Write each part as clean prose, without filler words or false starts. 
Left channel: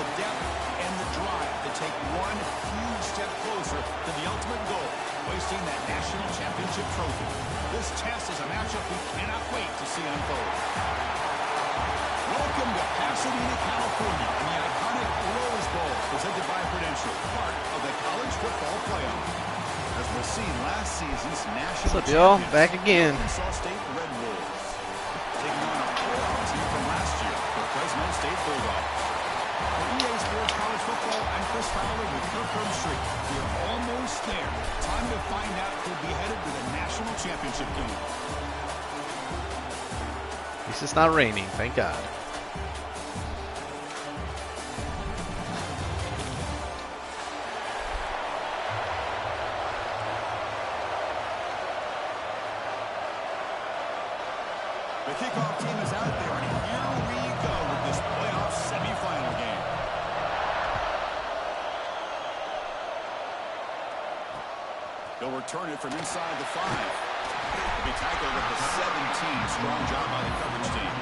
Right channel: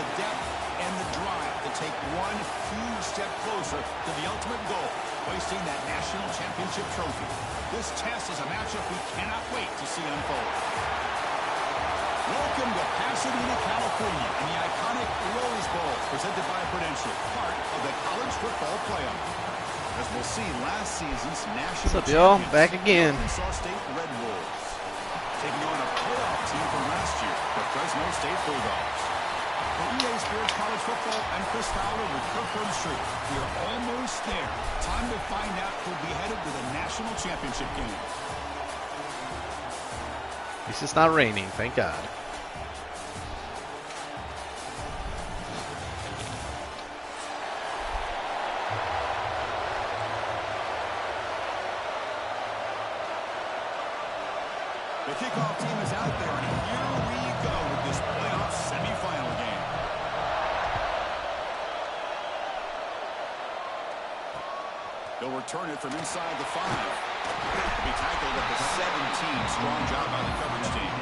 the depth, and the drive to take one huge step closer to the ultimate goal, hoisting that national championship trophy. This test is a matchup we cannot wait to see unfold. Welcome to Pasadena, California, and the iconic Rose Bowl, presented by Prudential, part of the college football playoff. As we'll see, last season's national What's up, y'all? Back again. Ark St Red Wolves, taking on a playoff team from last year, the Fresno State Bulldogs. For EA Sports College Football, I'm Chris Fowler with Kirk Herbstreit. We are almost there. Time to find out who'll be headed to the national championship game. At least it's not raining, thank God. The kickoff team is out there, and here we go with this playoff semifinal game. They'll return it from inside the 5. They'll be tackled at the 17. Strong job by the coverage team.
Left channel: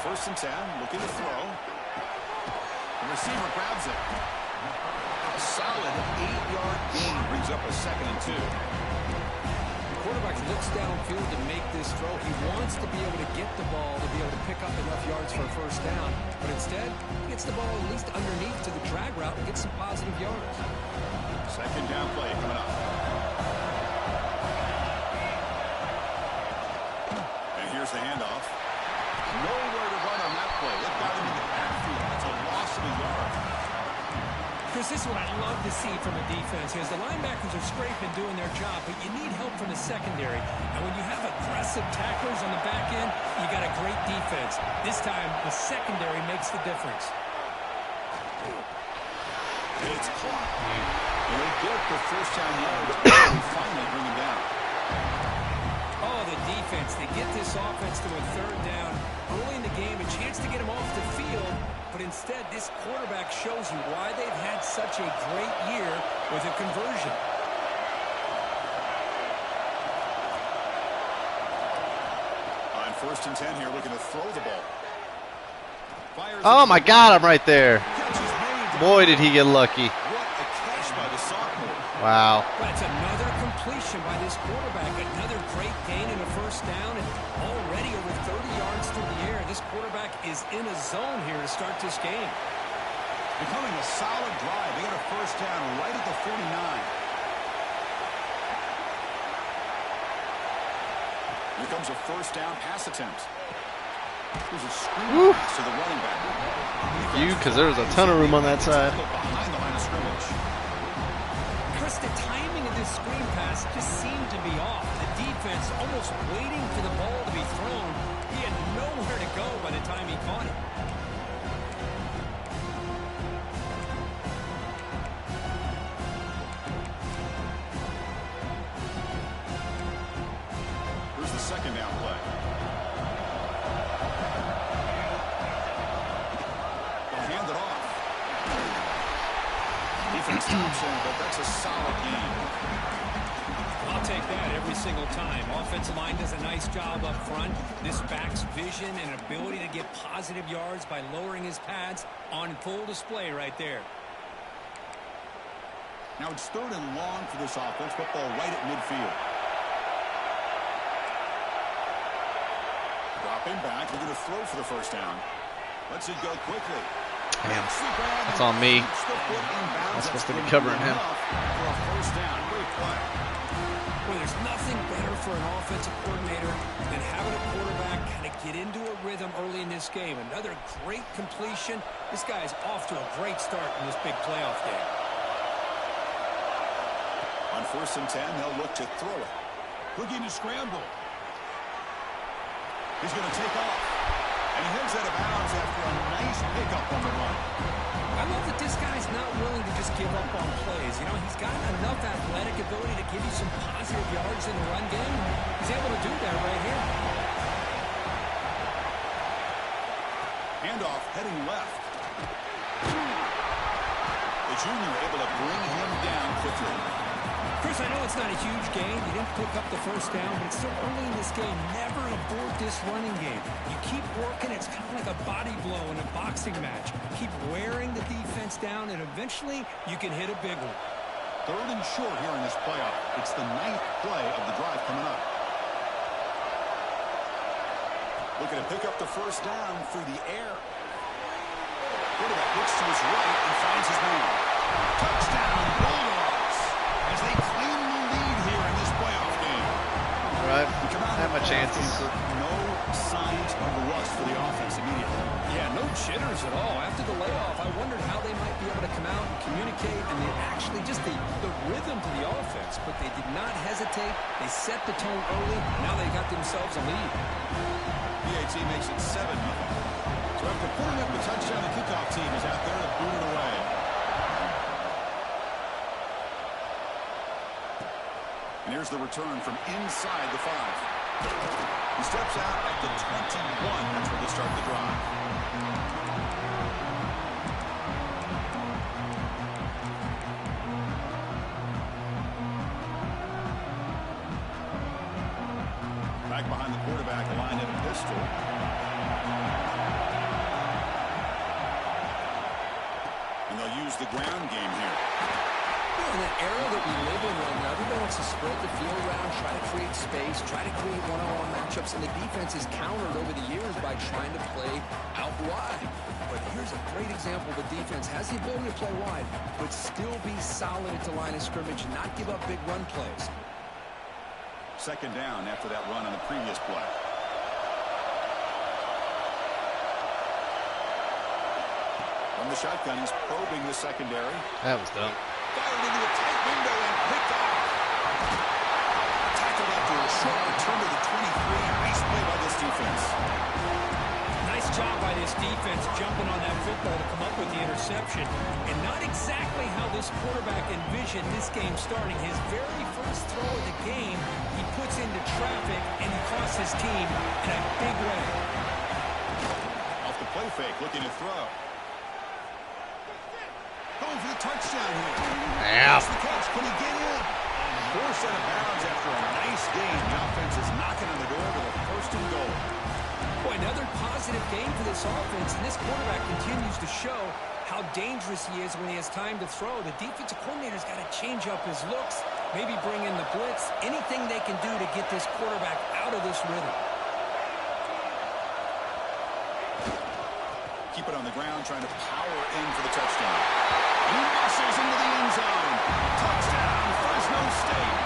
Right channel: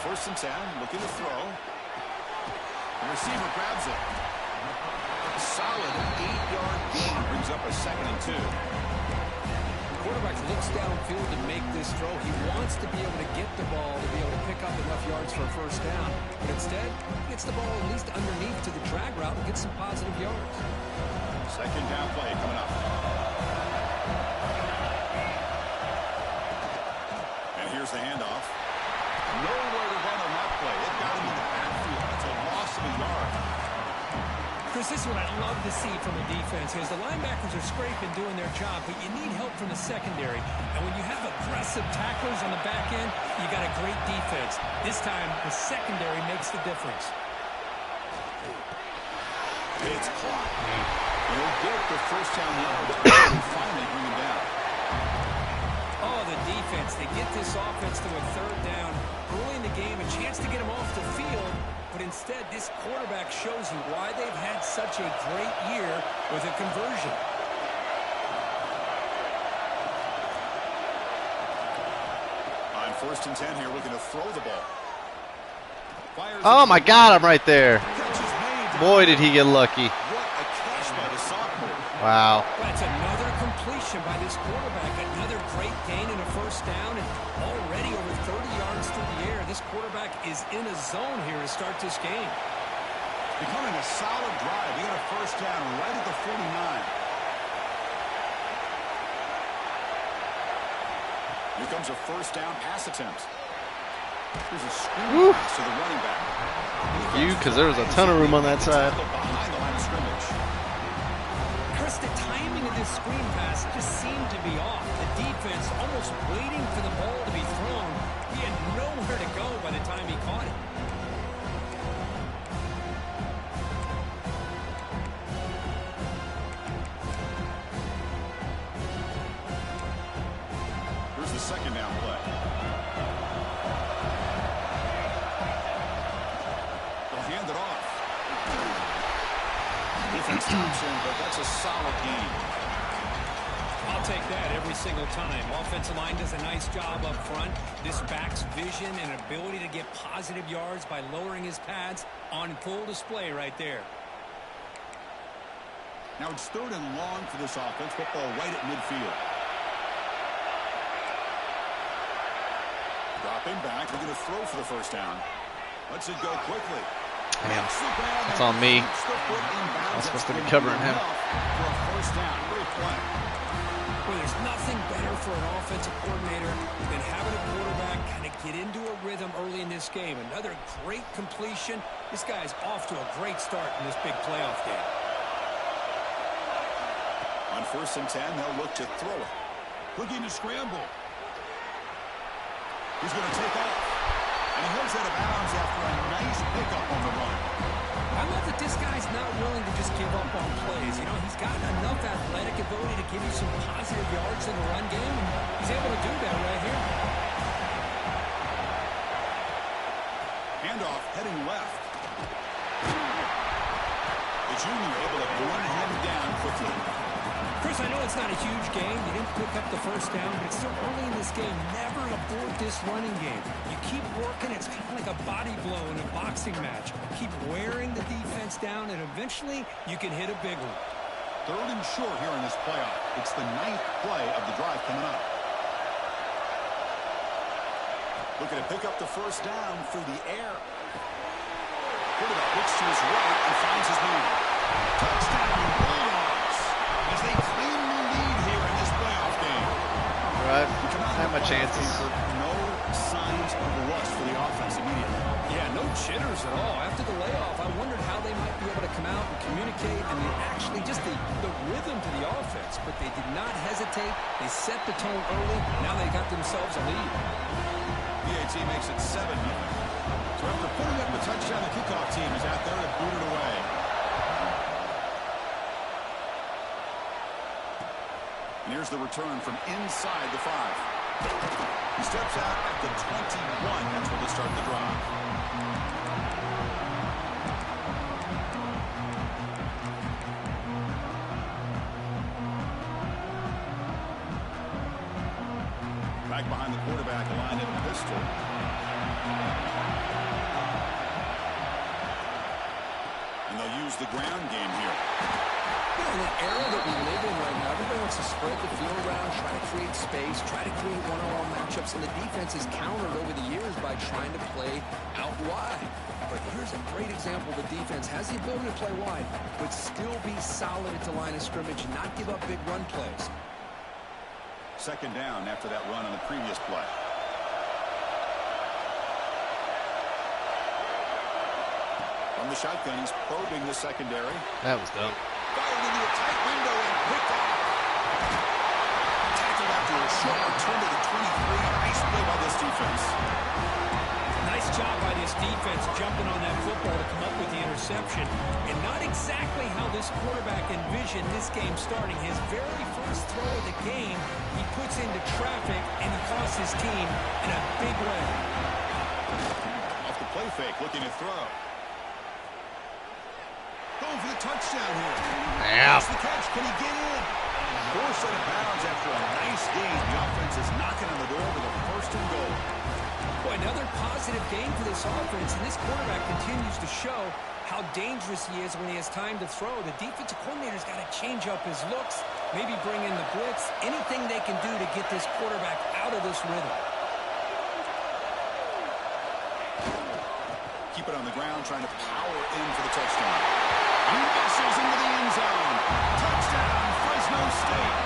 First and 10, looking to throw. The receiver grabs it. A solid 8-yard gain brings up a 2nd and 2. The quarterback looks downfield to make this throw. He wants to be able to get the ball to be able to pick up enough yards for a first down. But instead, he gets the ball at least underneath to the drag route and gets some positive yards. 2nd down play coming up. And here's the handoff. Nowhere to run on that play. It got him in the backfield. It's a loss of a yard. Chris, this is what I love to see from a defense is the linebackers are scraping, doing their job, but you need help from the secondary. And when you have aggressive tacklers on the back end, you got a great defense. This time, the secondary makes the difference. It's caught. He'll get the first down yards and finally bring him down. Oh, the defense, they get this offense to a 3rd down early in the game, a chance to get them off the field, but instead this quarterback shows you why they've had such a great year with a conversion. On 1st and 10 here, looking to throw the ball. Oh my God, I'm right there. Boy, did he get lucky. What a catch by the sophomore. Wow. But it's another completion by this quarterback. Another great gain in a first down and already over 30 yards through the air. This quarterback is in a zone here to start this game. Becoming a solid drive. They got a first down right at the 49. Here comes a first down pass attempt. Here's a screen pass to the running back. Because there was a ton of room on that side. Behind the line of scrimmage. Chris, the timing of this screen pass just seemed to be off. The defense almost waiting for the ball to be thrown. He had nowhere to go by the time he caught it. Here's the 2nd down play. They'll hand it off. Defense stops him, but that's a solid game. I'll take that every single time. Offensive line does a nice job up front. This back's vision and ability to get positive yards by lowering his pads on full display right there. Now it's 3rd and long for this offense. Football right at midfield. Dropping back. Looking to throw for the first down. Lets it go quickly. Damn. That's on me. I'm supposed to be covering him. For a first down. Great play. Well, there's nothing better for an offensive coordinator than having a quarterback kind of get into a rhythm early in this game. Another great completion. This guy's off to a great start in this big playoff game. On 1st and 10, they'll look to throw it. Looking to scramble. He's going to take off. And he heads out of bounds after a nice pickup on the run. I love that this guy's not willing to just give up on plays. You know, he's got enough athletic ability to give you some positive yards in the run game. He's he's able to do that right here. Handoff heading left. The junior able to bring him down quickly. Chris, I know it's not a huge game. You didn't pick up the first down, but it's still early in this game. Never abort this running game. You keep working. It's kind of like a body blow in a boxing match. Keep wearing the defense down, and eventually you can hit a big one. 3rd and short here in this playoff. It's the 9th play of the drive coming up. Looking to pick up the first down through the air. Quarterback looks to his right and finds his man. Touchdown, Bulldogs, as they claim the lead here in this playoff game. All right, not much chances. No signs of rust for the offense immediately. Yeah, no jitters at all. After the layoff, I wondered how they might be able to come out and communicate, and they actually just the rhythm to the offense, but they did not hesitate. They set the tone early. Now they got themselves a lead. PAT makes it 7-0. So after putting up a touchdown, the kickoff team is out there to boot it away. And here's the return from inside the 5. He steps out at the 21. That's where they start the drive. Back behind the quarterback, aligned in a pistol. And they'll use the ground game here. You know, in the era that we live in right now, everybody wants to spread the field around, try to create space, try to create one-on-one matchups, and the defense is countered over the years by trying to play out wide. But here's a great example. The defense has the ability to play wide, but still be solid at the line of scrimmage and not give up big run plays. 2nd down after that run on the previous play. From the shotgun, he's probing the secondary. That was dumb. Fired into a tight window and picked off. Tackled after a short return to the 23. Nice play by this defense. Nice job by this defense jumping on that football to come up with the interception. And not exactly how this quarterback envisioned this game starting. His very first throw of the game, he puts into traffic, and he costs his team in a big way. Off the play fake, looking to throw. Going for the touchdown here. Yeah. That's the catch. Can he get in? Forced out of bounds after a nice gain. The offense is knocking on the door with a 1st and goal. Boy, another positive game for this offense, and this quarterback continues to show how dangerous he is when he has time to throw. The defensive coordinator's got to change up his looks, maybe bring in the blitz, anything they can do to get this quarterback out of this rhythm. Keep it on the ground, trying to power in for the touchdown. He muscles into the end zone. Touchdown, Fresno State.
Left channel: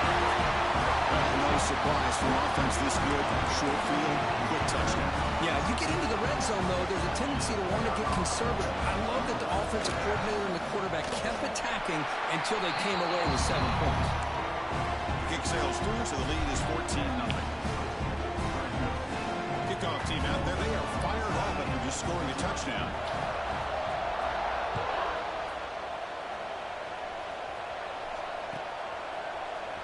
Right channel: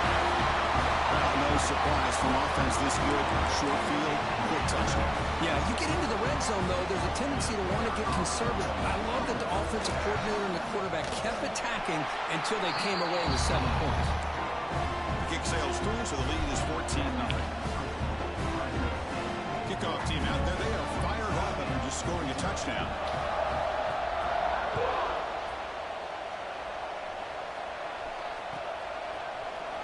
Well, no surprise from offense this good. Short field, quick touchdown. Yeah, you get into the red zone, though, there's a tendency to want to get conservative. I love that the offensive coordinator and the quarterback kept attacking until they came away with 7 points. The kick sails through, so the lead is 14-0. Kickoff team out there, they are fired up after just scoring a touchdown.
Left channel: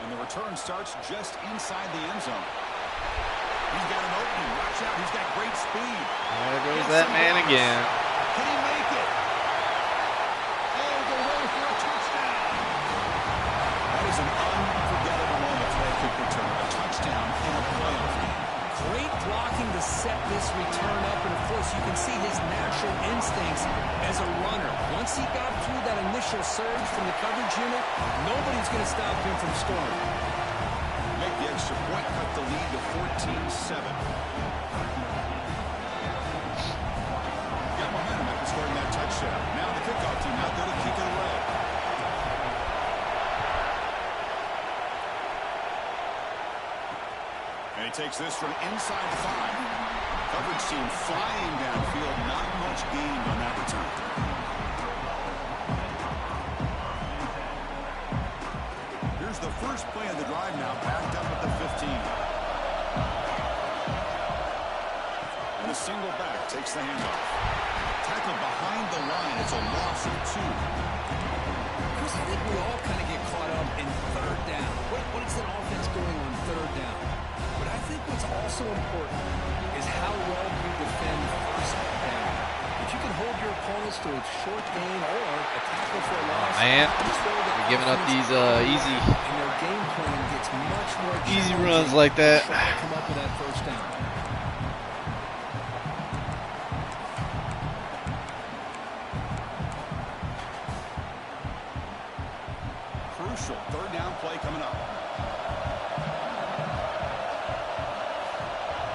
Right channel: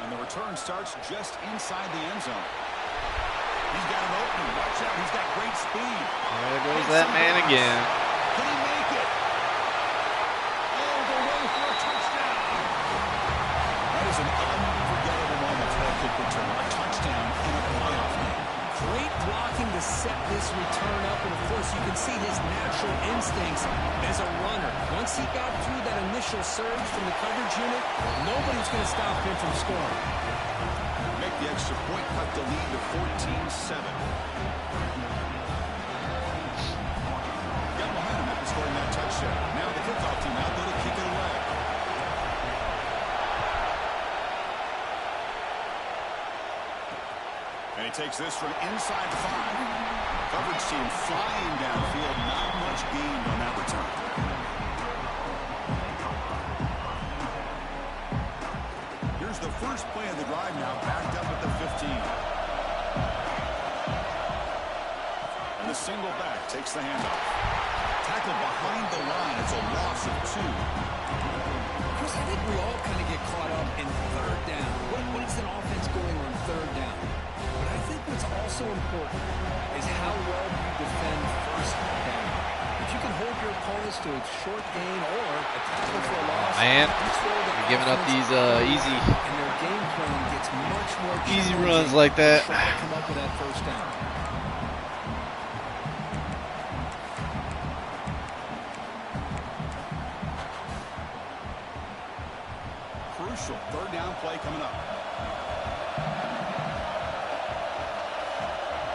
And the return starts just inside the end zone. He's got an opening. Watch out. He's got great speed. There goes that man again. Can he make it? All the way for a touchdown. That is an unforgettable moment for that kick return. A touchdown in a playoff game. Great blocking to set this return up, and of course you can see his natural instincts as a runner. Once he got through that initial surge from the coverage unit, nobody's going to stop him from scoring. Make the extra point, cut the lead to 14-7. Got momentum after scoring that touchdown. Now the kickoff team out there to kick it away. And he takes this from inside the 5. Coverage team flying downfield. Not much gained on that return. Here's the first play of the drive now, backed up at the 15. And the single back takes the handoff. Tackled behind the line. It's a loss of 2. Chris, I think we all kind of get caught up in 3rd down. What is an offense going on 3rd down? But I also important is how well you defend first down. If you can hold your opponents to a short gain or a tackle for a loss, man, you're giving up these easy, and their game plan gets much more easy runs like that. Try to come up with that first down. Crucial third down play coming up.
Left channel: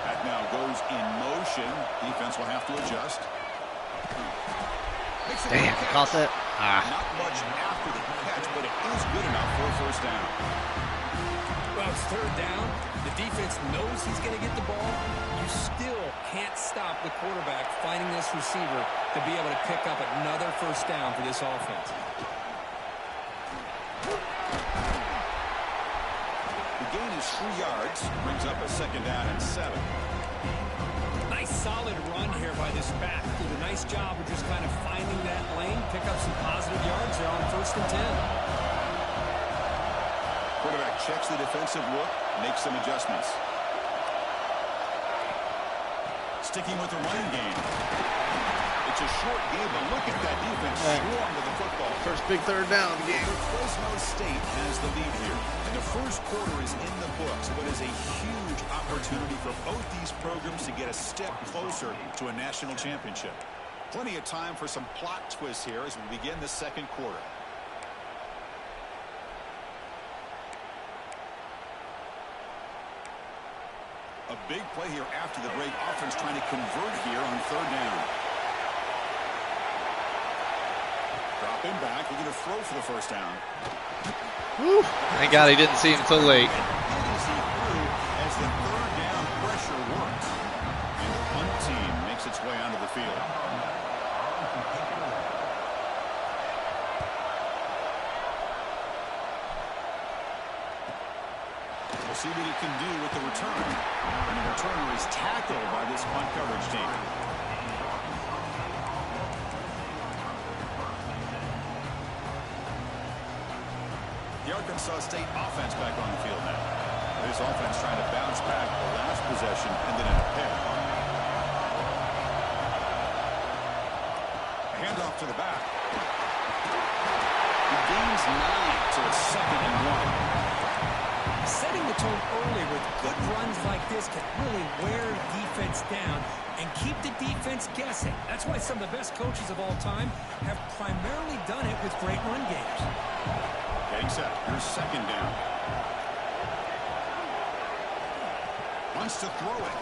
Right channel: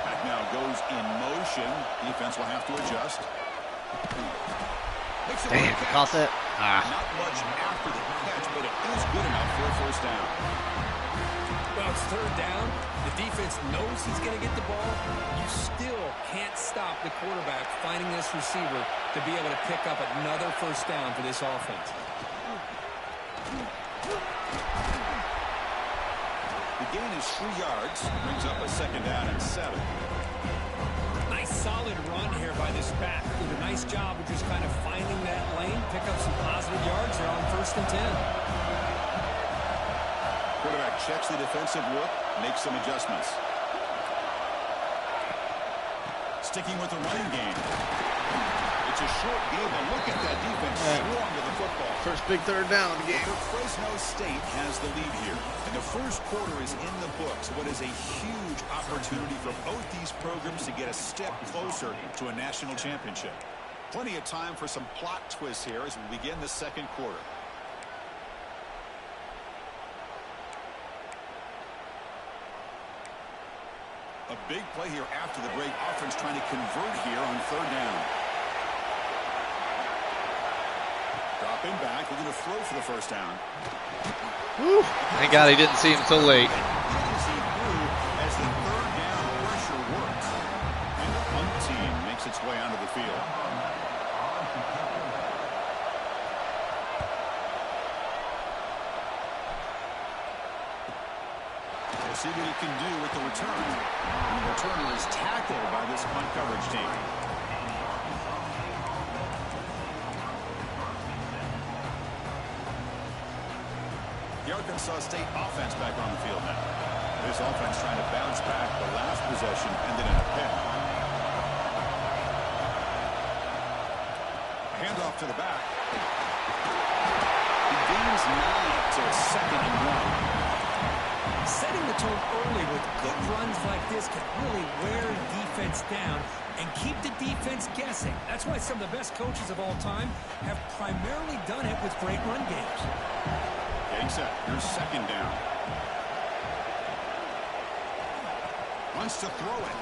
That now goes in motion. Defense will have to adjust. Damn, caught that. Not much after the catch, but it is good enough for a first down. Well, it's third down. The defense knows he's going to get the ball. You still can't stop the quarterback finding this receiver to be able to pick up another first down for this offense. The gain is 3 yards, brings up a second down and 7. Nice solid run here by this back. Did a nice job of just kind of finding that lane, pick up some positive yards there on 1st and 10. Quarterback checks the defensive look, makes some adjustments. Sticking with the running game. It's a short game, but look at that defense swarm to the football. First big third down of the game. Fresno State has the lead here, and the first quarter is in the books. What is a huge opportunity for both these programs to get a step closer to a national championship. Plenty of time for some plot twists here as we begin the second quarter. A big play here after the break. Offense trying to convert here on third down. Dropping back, looking to throw for the first down. Woo. Thank God he didn't see him until late. As the third down pressure works. And the punt team makes its way onto the field. We'll see what he can do with the return. And the returner is tackled by this punt coverage team. The Arkansas State offense back on the field now. This offense trying to bounce back. The last possession ended in a pick. A handoff to the back. He gains 9, so it's 2nd and 1. Setting the tone early with good runs like this can really wear defense down and keep the defense guessing. That's why some of the best coaches of all time have primarily done it with great run games. Getting set. Here's second down. Wants to throw it.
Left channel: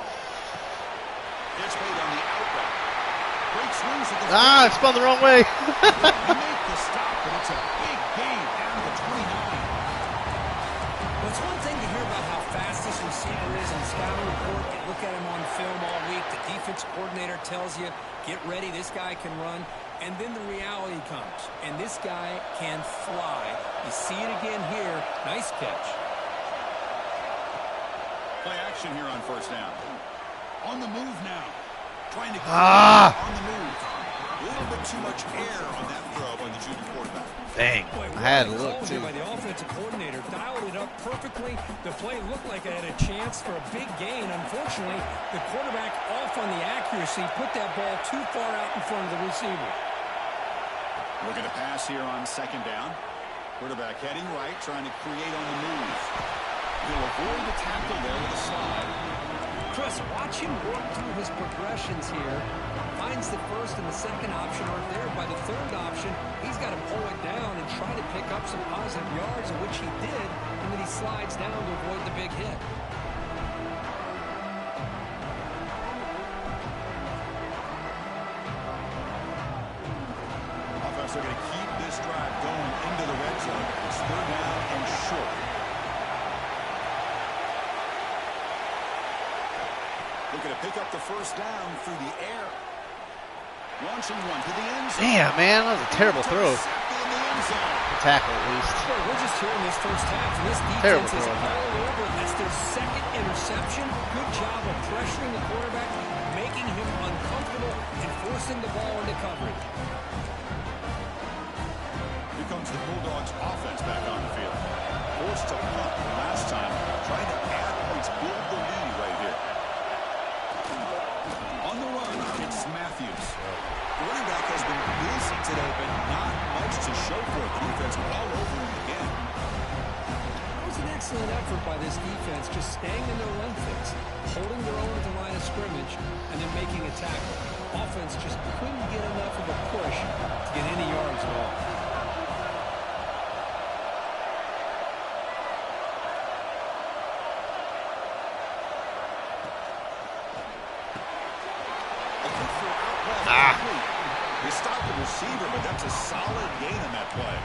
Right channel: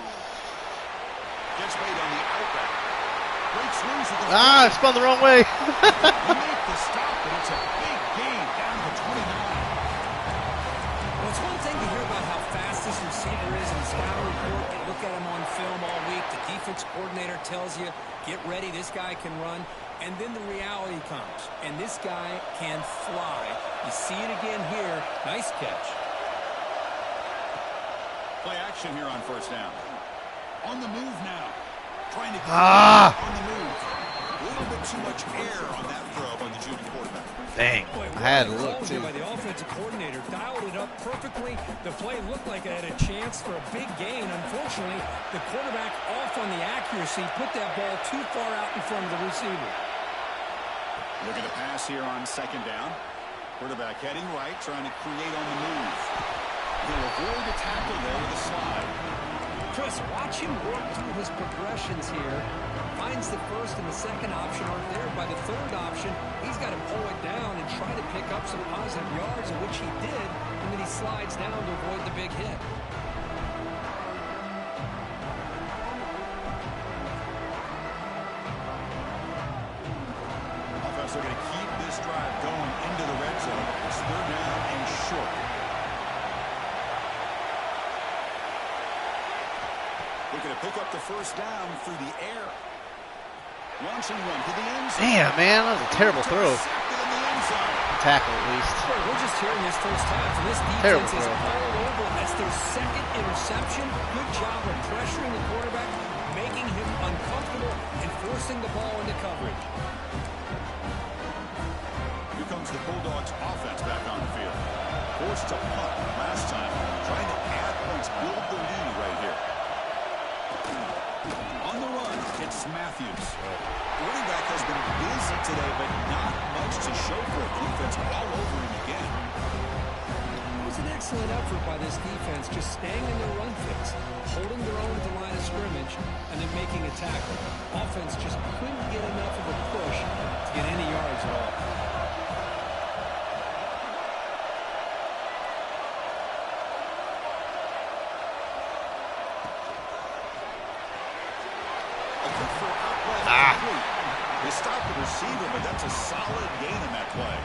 Gets made on the out route. Breaks loose at the it spun the wrong way. Make the stop, but it's a big gain down to the 29. Well, it's one thing to hear about how fast this receiver is in the scouting report. You look at him on film all week. The defense coordinator tells you, get ready, this guy can run. And then the reality comes, and this guy can fly. You see it again here. Nice catch. Play action here on first down. On the move now. Trying to get on the move. A little bit too much air on that throw by the junior quarterback. Dang, Boy, I had to look too. too. By the offensive coordinator, dialed it up perfectly. The play looked like it had a chance for a big gain. Unfortunately, the quarterback off on the accuracy, put that ball too far out in front of the receiver. Looking to pass here on second down. Quarterback heading right, trying to create on the move. He'll avoid the tackle there with a slide. Chris, watch him work through his progressions here. Finds the first and the second option aren't there. By the third option, he's got to pull it down and try to pick up some positive yards, of which he did, and then he slides down to avoid the big hit. Offense are going to keep this drive going into the red zone. It's third down and short. Looking to pick up the first down through the air. Launching one to the end zone. Damn, man, that was a terrible throw. In the end zone. Tackle, at least. Boy, we're just here in this first half, and this Terrible defense is throw. all over. That's their second interception. Good job of pressuring the quarterback, making him uncomfortable, and forcing the ball into coverage. Here comes the Bulldogs offense back on the field. Forced to punt last time. Trying to add points, build the lead right here. Matthews. The running back has been busy today, but not much to show for it. The defense all over him again. It was an excellent effort by this defense, just staying in their run fix, holding their own at the line of scrimmage, and then making a tackle. Offense just couldn't get enough of a push to get any yards at all. They stopped the receiver, but that's a solid gain on that play.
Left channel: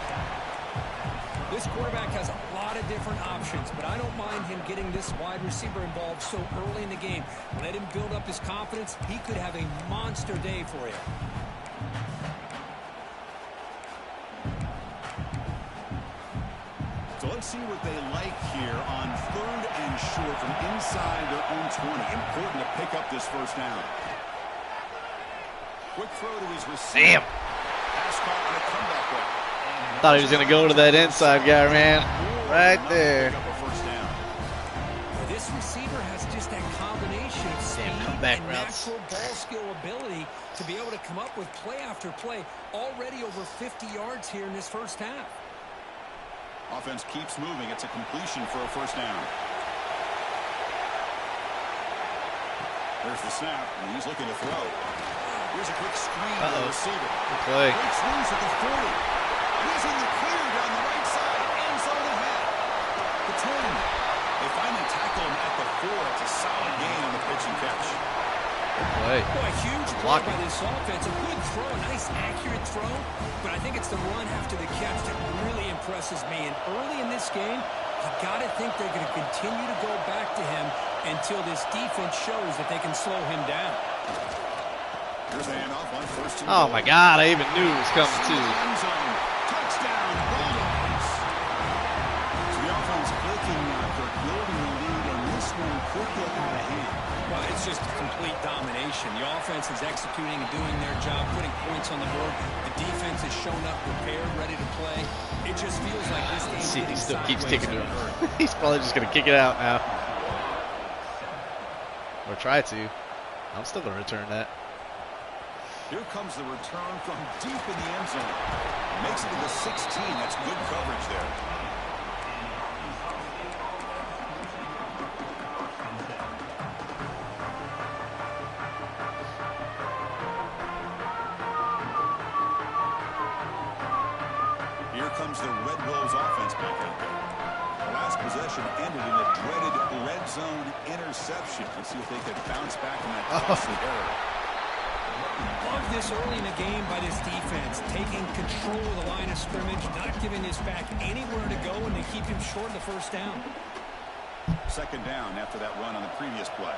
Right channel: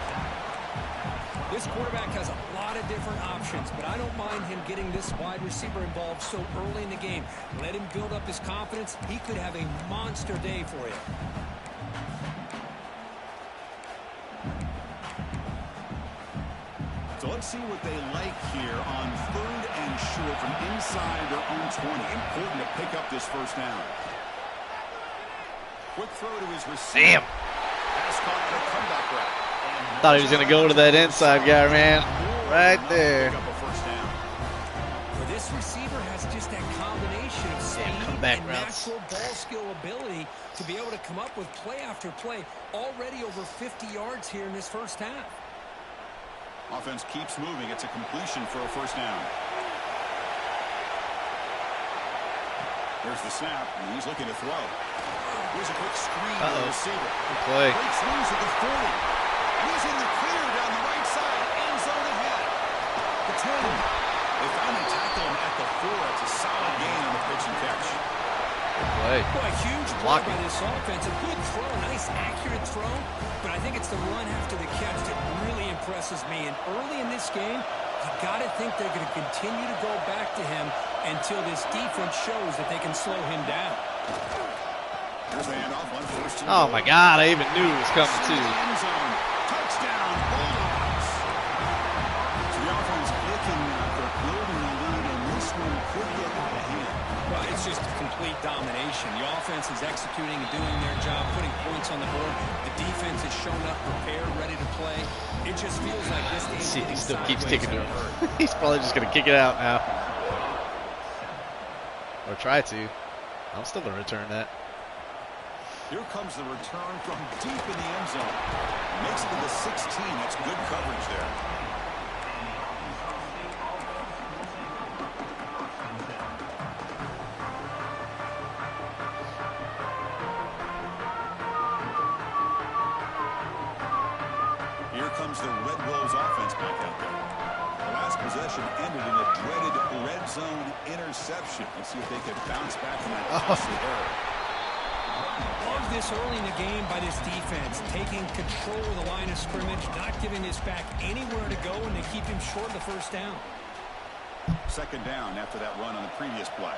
This quarterback has a lot of different options, but I don't mind him getting this wide receiver involved so early in the game. Let him build up his confidence. He could have a monster day for you. So let's see what they like here on 3rd and short from inside their own 20. Important to pick up this first down. Quick throw to his receiver. Damn. Pass caught on a comeback route. Thought he was going to go to that inside guy, man. Right there. Pick up a first down. Well, this receiver has just that combination of speed and natural ball skill ability to be able to come up with play after play. Already over 50 yards here in this first half. Offense keeps moving. It's a completion for a first down. There's the snap, and he's looking to throw. Here's a quick screen to the receiver. Good play. Breaks loose at the 40. And he's in the clear down the right side. End zone ahead. The 10. They finally tackle him at the 4. It's a solid gain on the pitch and catch. Good play. Boy, huge play by this offense. A good throw, a nice accurate throw. But I think it's the run after the catch that really impresses me. And early in this game, you got to think they're going to continue to go back to him until this defense shows that they can slow him down. Here's the handoff on 1st and Oh, my God. I even knew it was coming, too. End zone. Touchdown, Bulldogs. So the offense clicking now, Kirk, building the lead, and this one could get out of hand. Well, it's just complete domination. The offense is executing and doing their job, putting points on the board. The defense has shown up prepared, ready to play. It just feels like this game's See, he getting still keeps sideways kicking to and him. He's probably just going to kick it out now. Or try to. I'm still going to return that. Here comes the return from deep in the end zone. Makes it to the 16. That's good coverage there. Here comes the Red Wolves offense back out there. The last possession ended in a dreaded red zone interception. Let's see if they can bounce back from that costly error. Love this early in the game by this defense, taking control of the line of scrimmage, not giving this back anywhere to go, and to keep him short of the first down. 2nd down after that run on the previous play.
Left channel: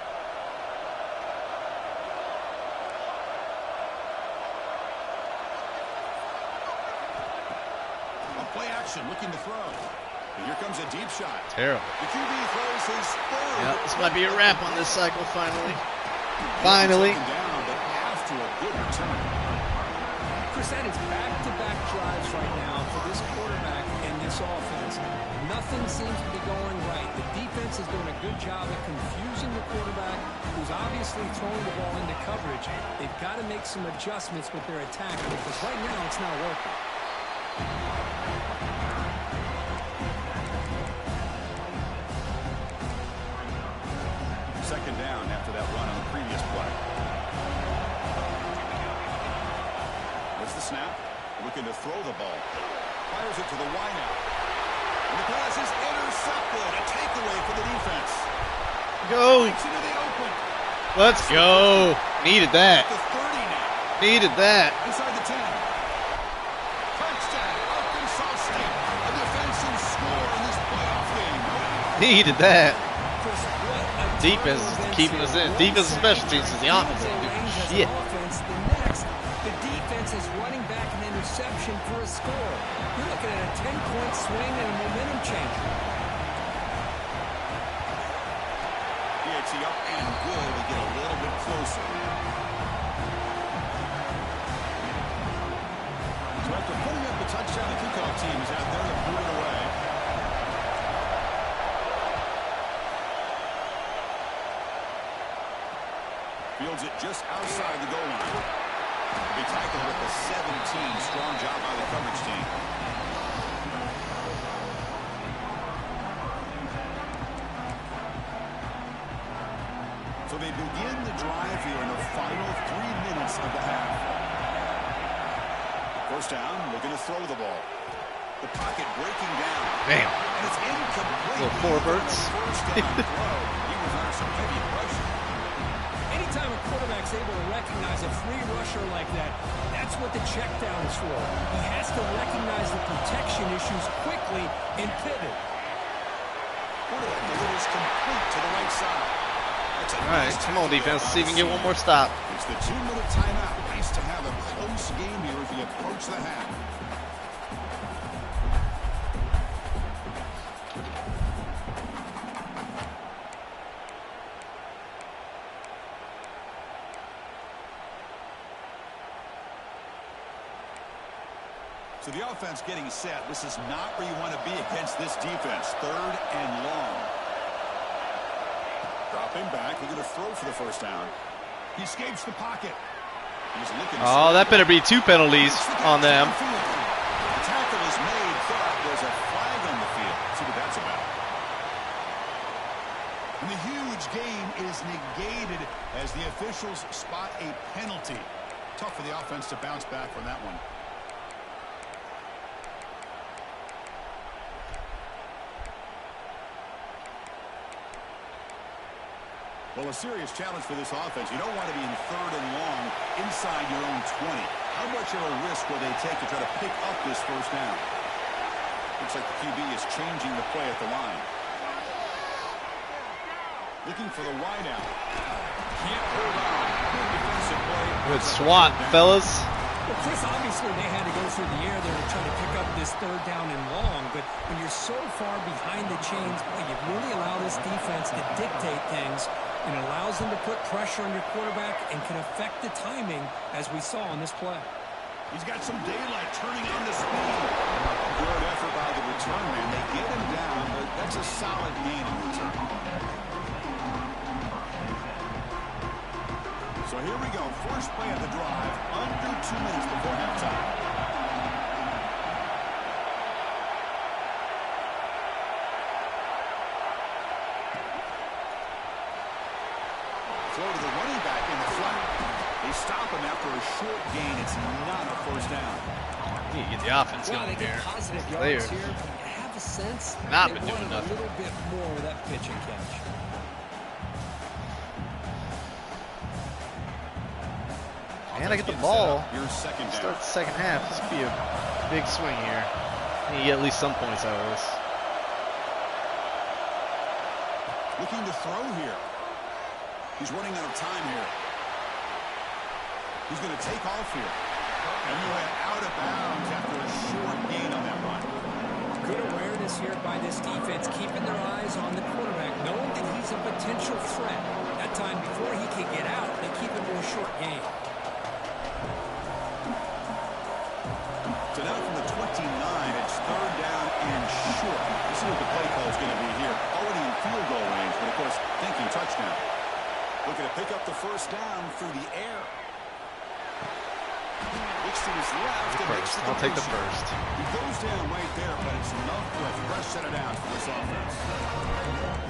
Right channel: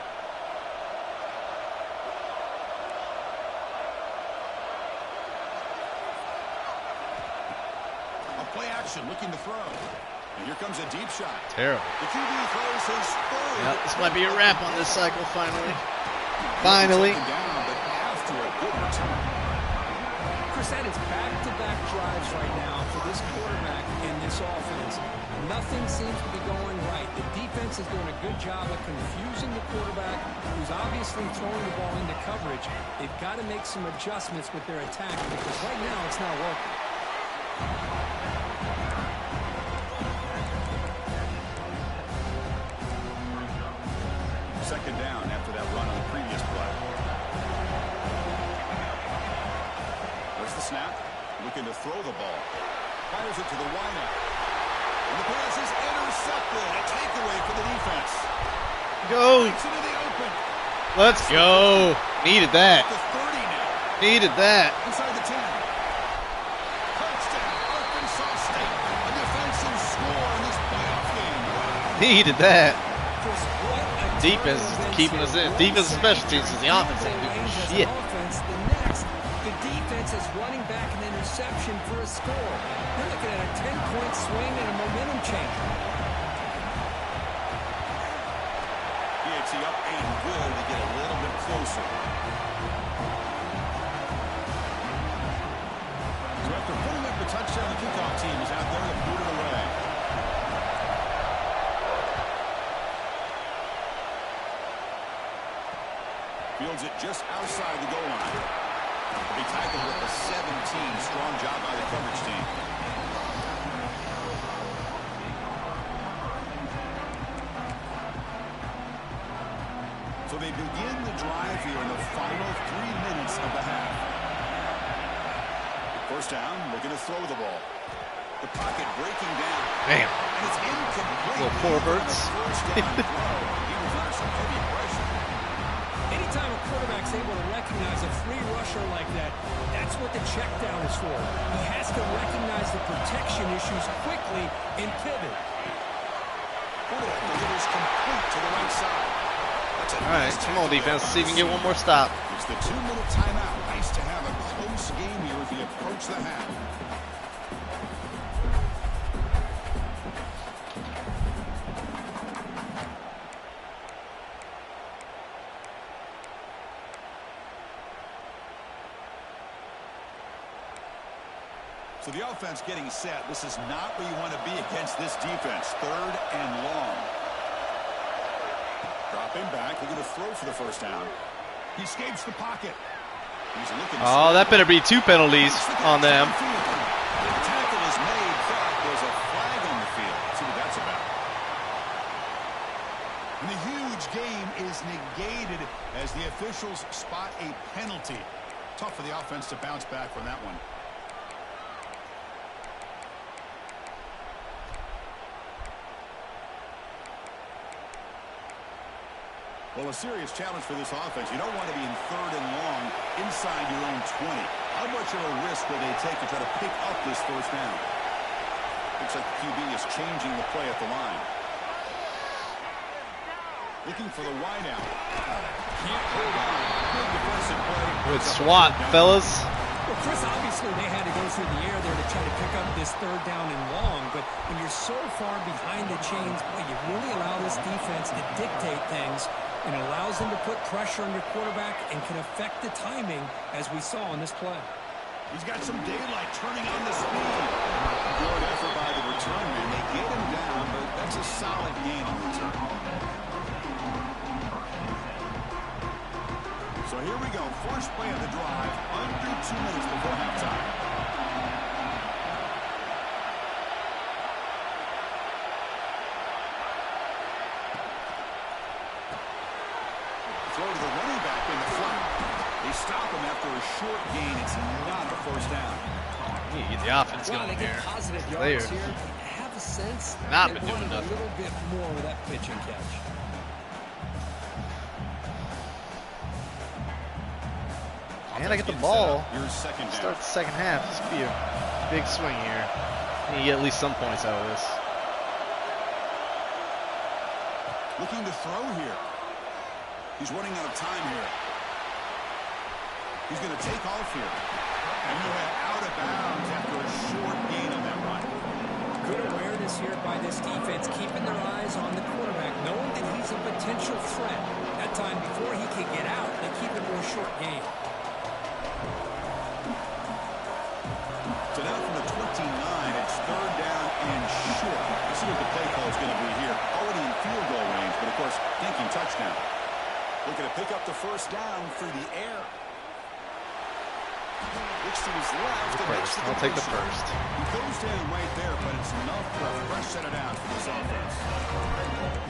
A play action, looking to throw. And here comes a deep shot. Terrible. The QB throws his 3rd. Yep, this might be a wrap on this cycle, finally. Finally. Down, but after a good return. Chris, that is back-to-back drives right now for this quarterback and this offense. Nothing seems to be going right. The defense is doing a good job of confusing the quarterback, who's obviously throwing the ball into coverage. They've got to make some adjustments with their attack, because right now it's not working. Second down after that run on the previous play. There's the snap. Looking to throw the ball. Fires it to the wideout. And the pass is intercepted. A takeaway for the defense. Go. Into the open. Let's go. Needed that. The 30 now. Needed that. Inside the 10. Touchdown, Arkansas State. A defensive score in this playoff game. Wow. Needed that. Chris, what a Defense is keeping us in. Defense and special teams is the offense ain't doing shit. The next, the defense is running back an interception for a score. You're looking at a 10-point swing and a momentum changer. PAT up and good to get a little bit closer. So after putting up the touchdown, the kickoff team is out there to boot it away. Fields it just outside the goal line. He tackled with the 17. Strong job by the coverage team. So they begin the drive here in the final 3 minutes of the half. First down, looking to throw the ball. The pocket breaking down. Damn. And it's incomplete. Little four birds. First down throw. He was under some heavy pressure. Anytime a quarterback's able to recognize a free rusher like that, that's what the check down is for. He has to recognize the protection issues quickly and pivot. Quarterback delivers complete to the right side. All right, come on, defense. See if we can get one more stop. It's the 2-minute timeout. Nice to have a close game here as we approach the half. So the offense getting set. This is not where you want to be against this defense. 3rd and long. Dropping back, they're going to throw for the first down. He escapes the pocket. He's looking. Oh, that better be 2 penalties on them. The tackle is made, but there's a flag on the field. Let's see what that's about. And the huge game is negated as the officials spot a penalty. Tough for the offense to bounce back from that one. Well, a serious challenge for this offense. You don't want to be in 3rd and long inside your own 20. How much of a risk will they take to try to pick up this first down? Looks like the QB is changing the play at the line. Looking for the wideout. Can't hold on. Good defensive play. Good SWAT, fellas. Well, Chris, obviously they had to go through the air there to try to pick up this 3rd down and long, but when you're so far behind the chains, well, you really allow this defense to dictate things, and it allows them to put pressure on your quarterback and can affect the timing, as we saw on this play. He's got some daylight turning on the speed. Good effort by the return man. They get him down, but that's a solid gain on return. So here we go. First play of the drive, under 2 minutes before halftime. Throw to the running back in the flat. They stop him after a short gain. It's not a first down. You get the offense going they here. get positive yards here. I have a sense Not they been doing wanted nothing. a little bit more with that pitch and catch. And I get the ball. Your second down. Start the second half. This could be a big swing here. And you get at least some points out of this. Looking to throw here. He's running out of time here. He's going to take off here. And he went out of bounds after a short gain on that run. Good awareness here by this defense, keeping their eyes on the quarterback, knowing that he's a potential threat. That time before he can get out, they keep it more short gain. So now from the 29, it's 3rd down and short. Let's see what the play call is going to be here. Already in field goal range, but of course, thinking touchdown. Looking to pick up the first down through the air. Looks to his left and makes the I'll take the completion. first. He goes down right there, but it's enough for a fresh set of downs for this offense.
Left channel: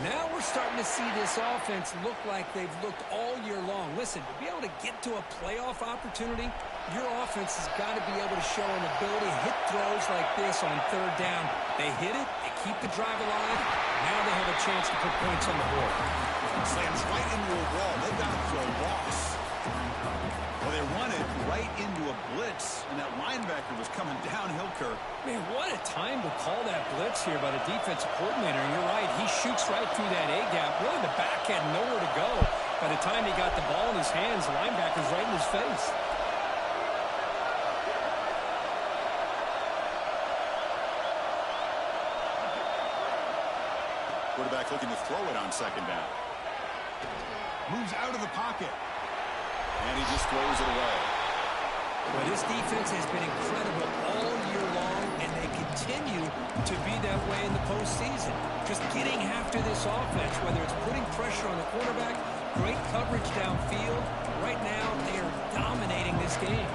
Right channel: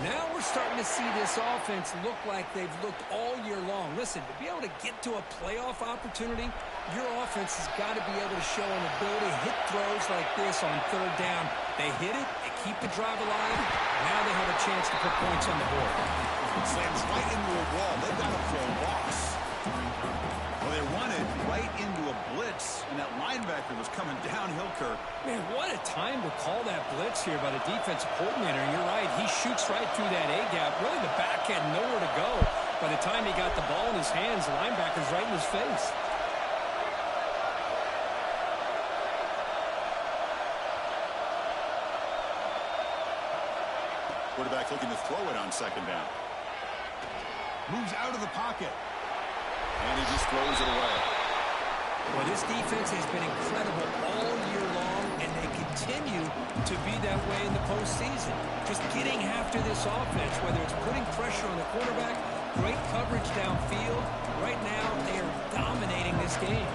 Now we're starting to see this offense look like they've looked all year long. Listen, to be able to get to a playoff opportunity, your offense has got to be able to show an ability to hit throws like this on 3rd down. They hit it, they keep the drive alive. Now they have a chance to put points on the board. Slams right into a wall. They've got him for a loss. Well, they run it right into a blitz, and that linebacker was coming downhill, Kirk. Man, what a time to call that blitz here by the defensive coordinator. And you're right, he shoots right through that A-gap. Really, the back had nowhere to go. By the time he got the ball in his hands, the linebacker's right in his face. Quarterback looking to throw it on 2nd down. Moves out of the pocket. And he just throws it away. Well, this defense has been incredible all year long, and they continue to be that way in the postseason. Just getting after this offense, whether it's putting pressure on the quarterback great coverage downfield. Right now, they are dominating this game.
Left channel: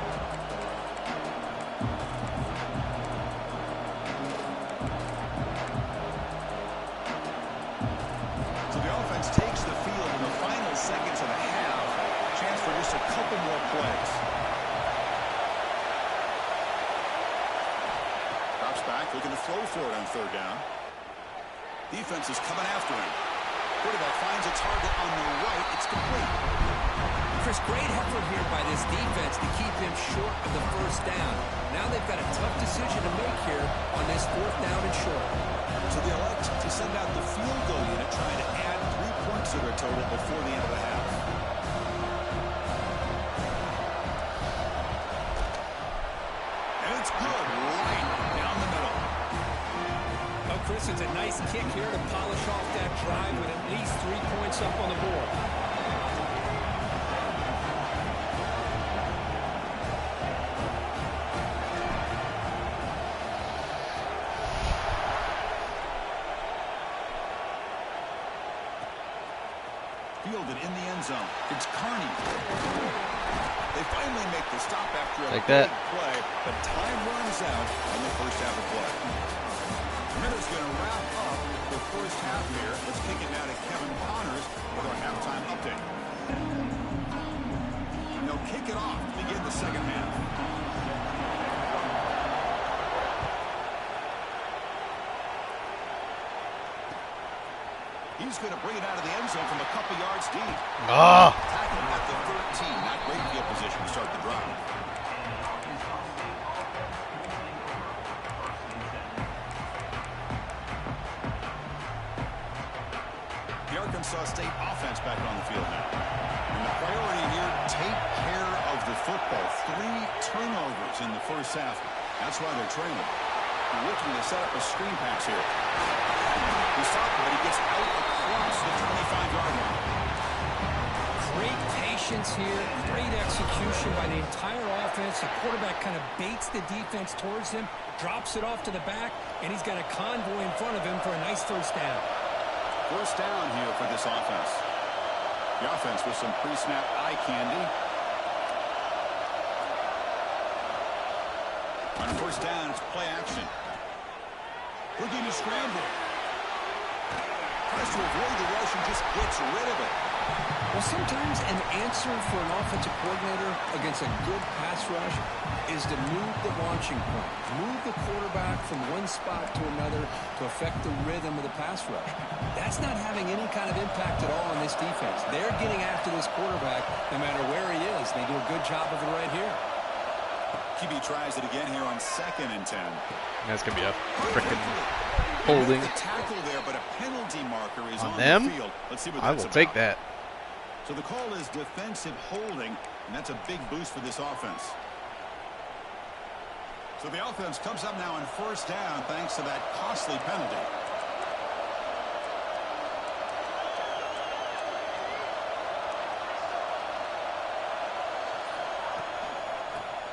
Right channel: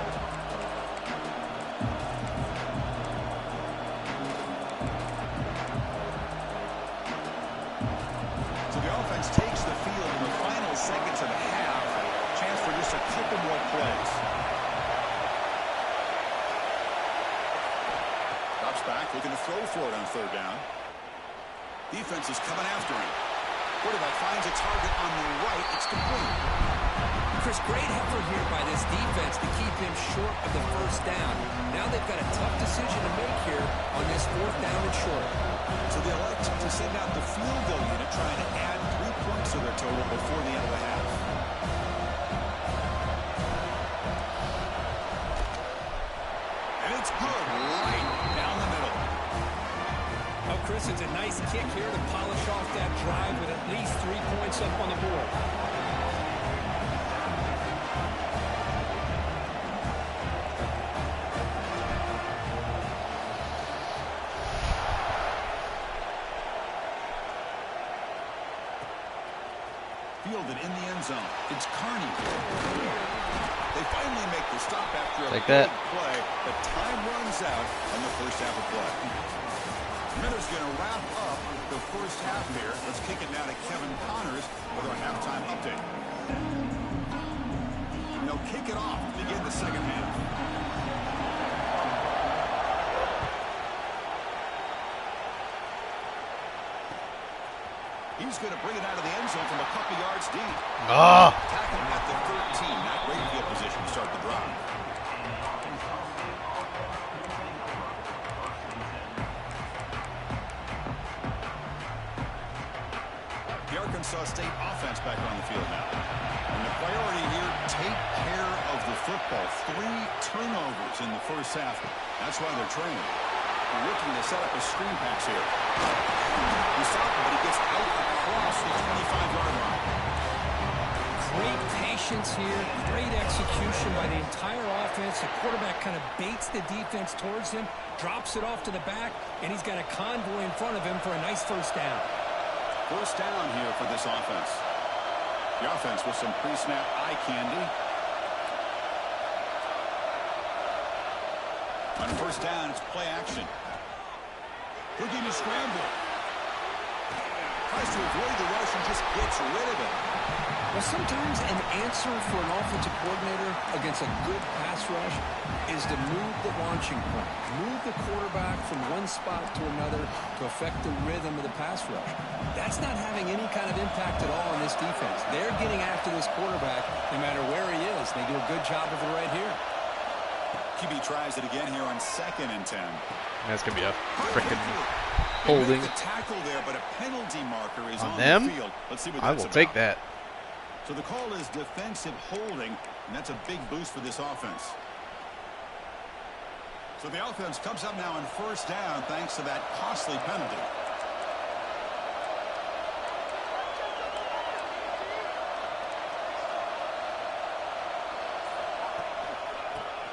So the offense takes the field in the final seconds of the half. Chance for just a couple more plays. Drops back, looking to throw for it on third down. Defense is coming after him. Quarterback finds a target on the right. It's complete. Chris, great effort here by this defense to keep him short of the first down. Now they've got a tough decision to make here on this fourth down and short. So they elect to send out the field goal unit, trying to add 3 points to their total before the end of the half. And it's good, right down the middle. Oh, Chris, it's a nice kick here to polish off that drive with at least 3 points up on the board. Fielded in the end zone. It's Carney. They finally make the stop after a big play, but time runs out on the first half of play. Miller's going to wrap up the first half here. Let's kick it now to Kevin Connors with our halftime update. And they'll kick it off to begin the second half. He's going to bring it out of the end zone from a couple yards deep. Tackling at the 13. Not great field position to start the drive. The Arkansas State offense back on the field now. And the priority here, take care of the football. 3 turnovers in the first half. That's why they're trailing. They're looking to set up a screen pass here. He stopped him, but he gets out across the 25-yard line. Great patience here. Great execution by the entire offense. The quarterback kind of baits the defense towards him, drops it off to the back, and he's got a convoy in front of him for a nice first down. First down here for this offense. The offense with some pre-snap eye candy. On first down, it's play action. Looking to scramble. Tries to avoid the rush and just gets rid of it. Well, sometimes an answer for an offensive coordinator against a good pass rush is to move the launching point. Move the quarterback from one spot to another to affect the rhythm of the pass rush. That's not having any kind of impact at all on this defense. They're getting after this quarterback no matter where he is. They do a good job of it right here. QB tries it again here on 2nd and 10. That's going to be a frickin' holding. The tackle there, but a penalty marker is on them? the field. Let's see what I that's will about. take that. So the call is defensive holding, and that's a big boost for this offense. So the offense comes up now on first down thanks to that costly penalty.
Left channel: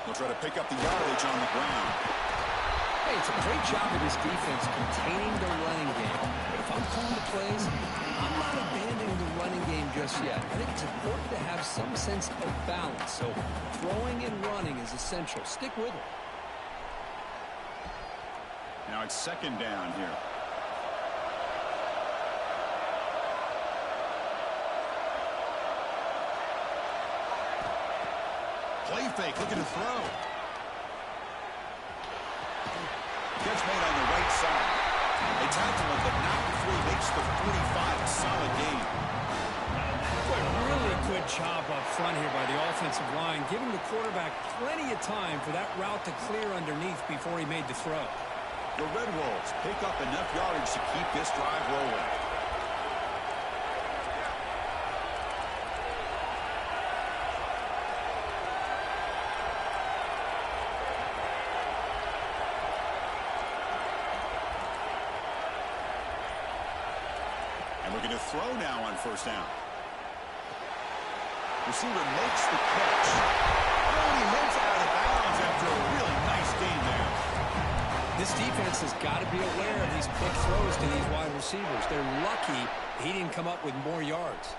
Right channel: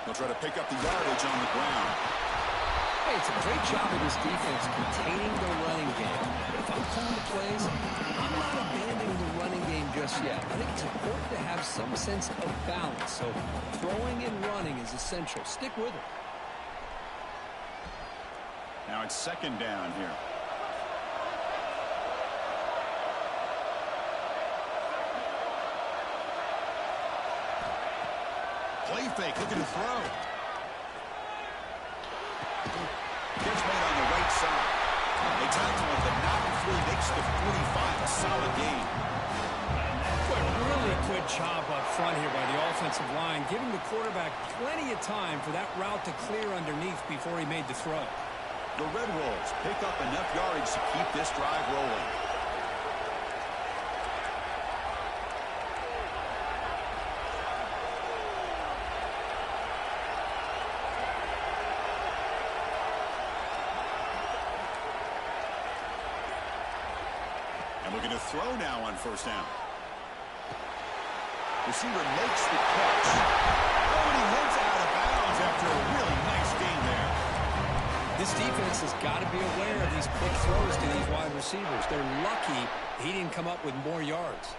They'll try to pick up the yardage on the ground. Hey, it's a great job of this defense containing the running game. But if I'm calling the plays, I'm not abandoning the running game just yet. I think it's important to have some sense of balance. So throwing and running is essential. Stick with it. Now it's 2nd down here. Play fake, looking to throw. Catch made on the right side. They tackle him, but not before he makes the 45. A solid gain. Boy, really good job up front here by the offensive line, giving the quarterback plenty of time for that route to clear underneath before he made the throw. The Red Wolves pick up enough yardage to keep this drive rolling. And looking to throw now on first down. Receiver makes the catch. Oh, and he heads out of bounds after a really nice gain there. This defense has got to be aware of these quick throws to these wide receivers. They're lucky he didn't come up with more yards.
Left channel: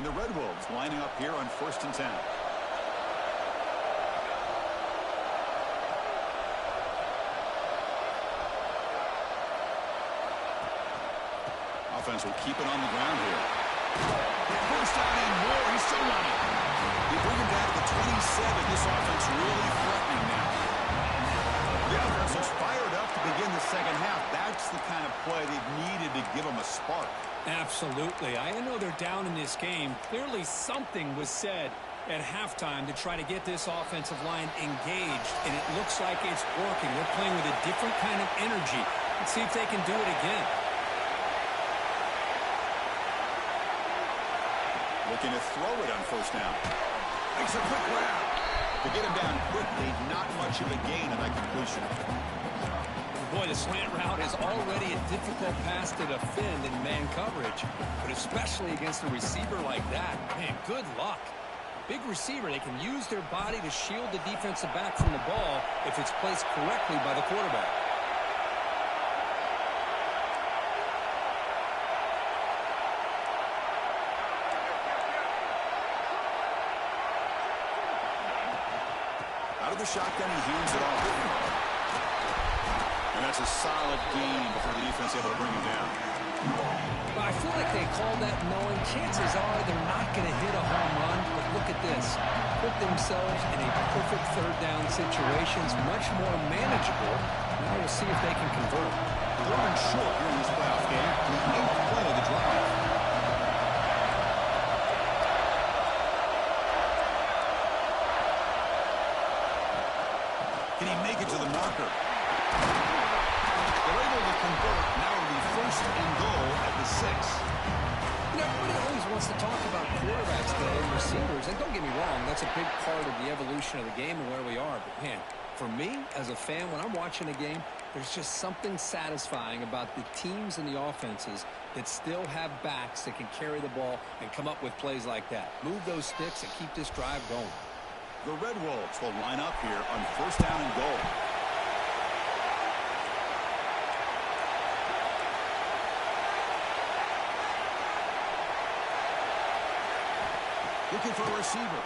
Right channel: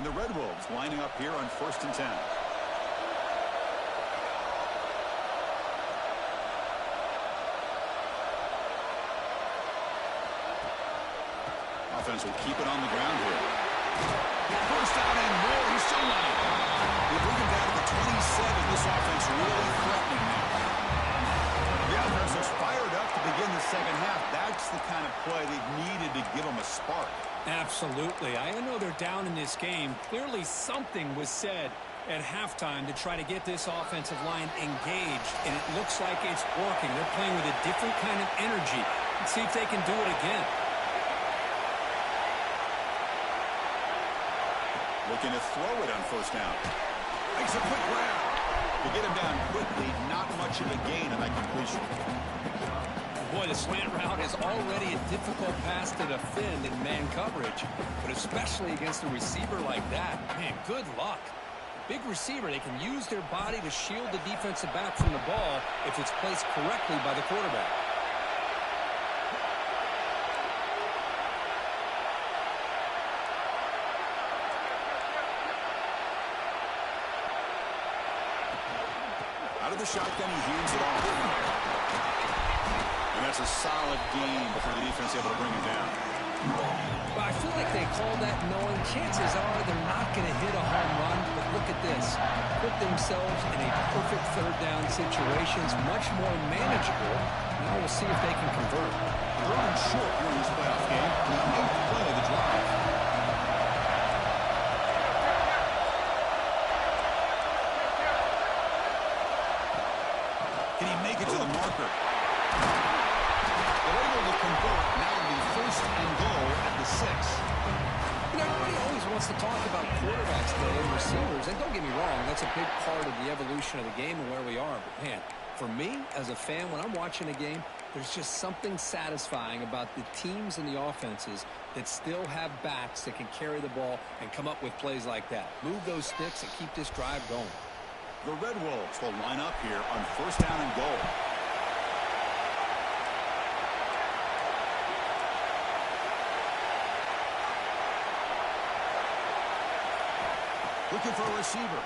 And the Red Wolves lining up here on 1st and 10. Offense will keep it on the ground here. First down and more. He's still running. They bring him down to the 27. This offense really threatening now. The offense is fired up to begin the second half. That's the kind of play they've needed to give them a spark. Absolutely. I know they're down in this game. Clearly something was said at halftime to try to get this offensive line engaged, and it looks like it's working. They're playing with a different kind of energy. Let's see if they can do it again. Looking to throw it on first down. Makes a quick grab. To get him down quickly, not much of a gain on that completion. Boy, the slant route is already a difficult pass to defend in man coverage, but especially against a receiver like that. Man, good luck. Big receiver, they can use their body to shield the defensive back from the ball if it's placed correctly by the quarterback. Out of the shotgun, he hands it off. And that's a solid gain before the defense able to bring him down. Well, I feel like they call that knowing chances are they're not going to hit a home run, but look at this. Put themselves in a perfect third down situation. It's much more manageable. Now we'll see if they can convert. Third and short here in this playoff game. The 8th play of the drive. Can he make it to the marker? They're able to convert. Now it'll be 1st and goal at the 6. You know, everybody always wants to talk about quarterbacks today and receivers, and don't get me wrong, that's a big part of the evolution of the game and where we are. But, man, for me, as a fan, when I'm watching a game, there's just something satisfying about the teams and the offenses that still have backs that can carry the ball and come up with plays like that. Move those sticks and keep this drive going. The Red Wolves will line up here on 1st down and goal. Looking for a receiver.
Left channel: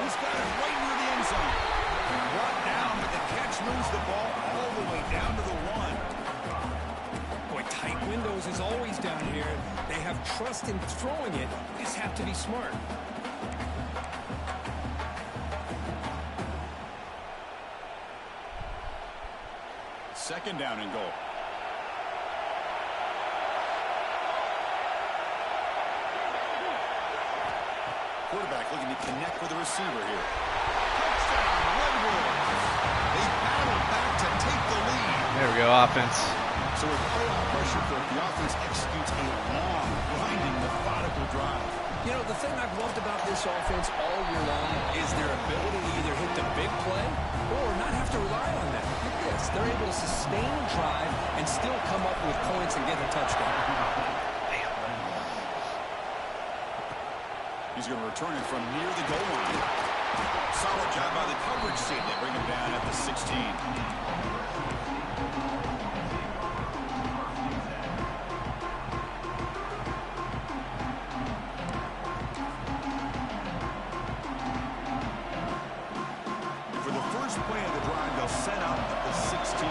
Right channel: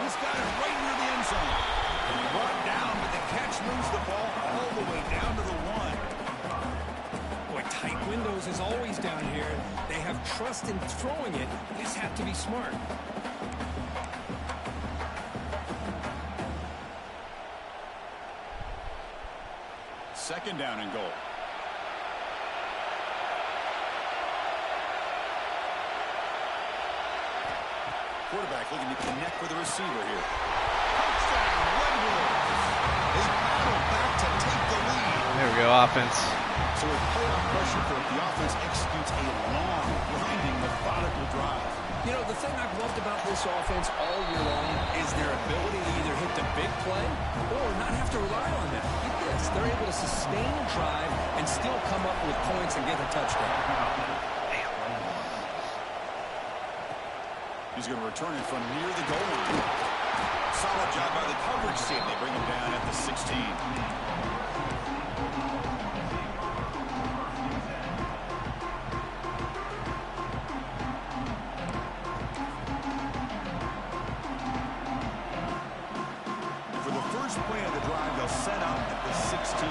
He's got it right near the end zone. Brought down, but the catch moves the ball all the way down to the 1. Boy, tight windows is always down here. They have trust in throwing it. They just have to be smart. Second down and goal. Quarterback looking to connect with the receiver here. Touchdown, Red Wolves. They battle back to take the lead. There we go, offense. So with playoff pressure, the offense executes a long, grinding, methodical drive. You know, the thing I've loved about this offense all year long is their ability to either hit the big play or not have to rely on that. Like this, they're able to sustain a drive and still come up with points and get a touchdown. He's going to return it from near the goal line. Solid job by the coverage team. They bring him down at the 16. Play of the drive, they'll set up at the 16.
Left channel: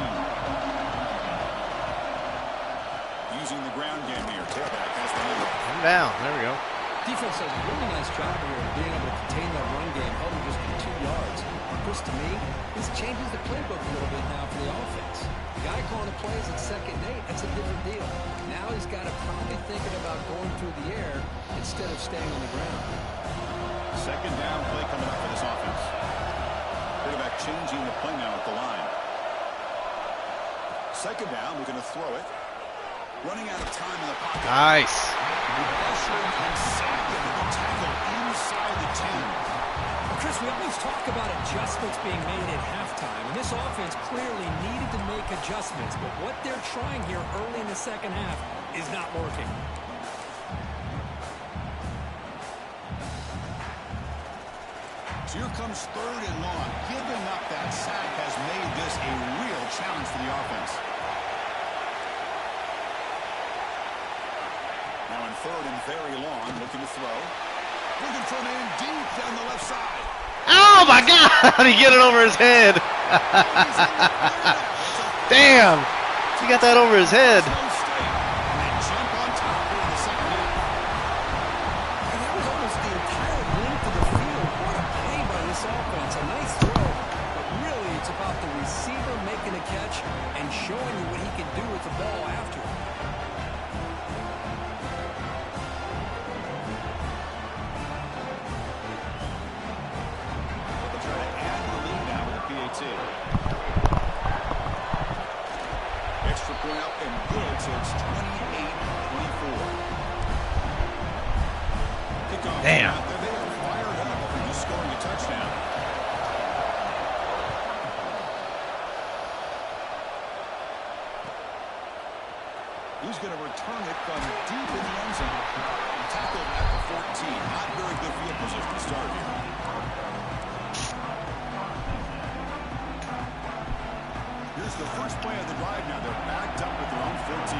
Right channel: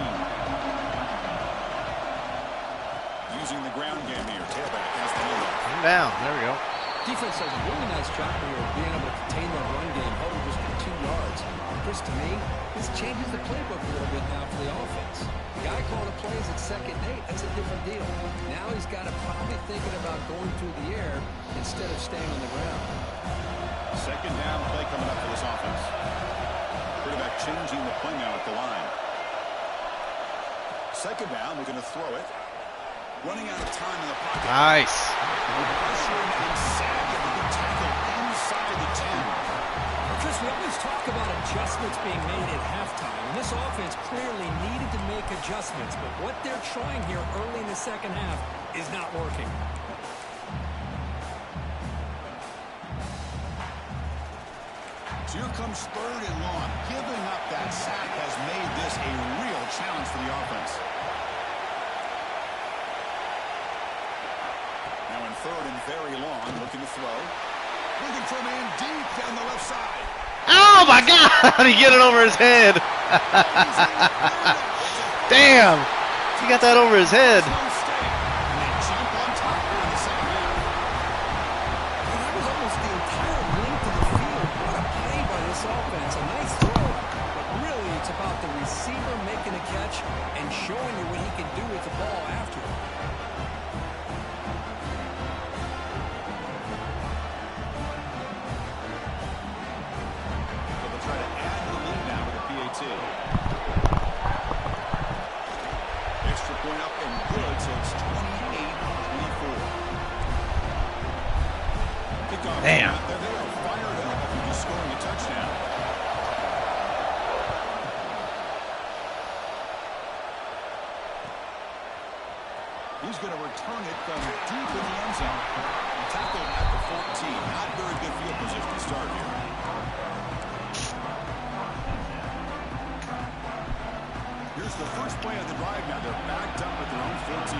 Using the ground game here. Tailback has the handoff. Down. There we go. Defense does a really nice job here of being able to contain that run game, held him just for 2 yards. Chris, to me, this changes the playbook a little bit now for the offense. The guy calling the plays at 2nd and 8, that's a different deal. Now he's got to probably thinking about going through the air instead of staying on the ground. Second down play coming up for this offense. Quarterback changing the play now at the line. Second down, looking to throw it. Running out of time in the pocket. Nice. Pressuring and sacking the tackle inside the 10. Well, Chris, we always talk about adjustments being made at halftime, and this offense clearly needed to make adjustments, but what they're trying here early in the second half is not working. So here comes 3rd and long. Giving up that sack has made this a real challenge for the offense. Now in third and very long. Looking to throw. Looking for a man deep down the left side. Oh my God! He get it over his head. Damn! He got that over his head. Fresno State, and they jump on top here in the second half. And that was almost the entire length of the field. What a play by this offense. A nice throw, but really it's about the receiver making a catch and showing you what he can do with the ball after. But they'll try to add to the lead now with a PAT. Extra point up and good, so it's 28-24. Kickoff. Damn. Out there. They are fired up after just scoring a touchdown. He's going to return it from deep in the end zone. Tackled at the 14. Not very good field position to start here. Here's the first play of the drive now. They're backed up at their own 14.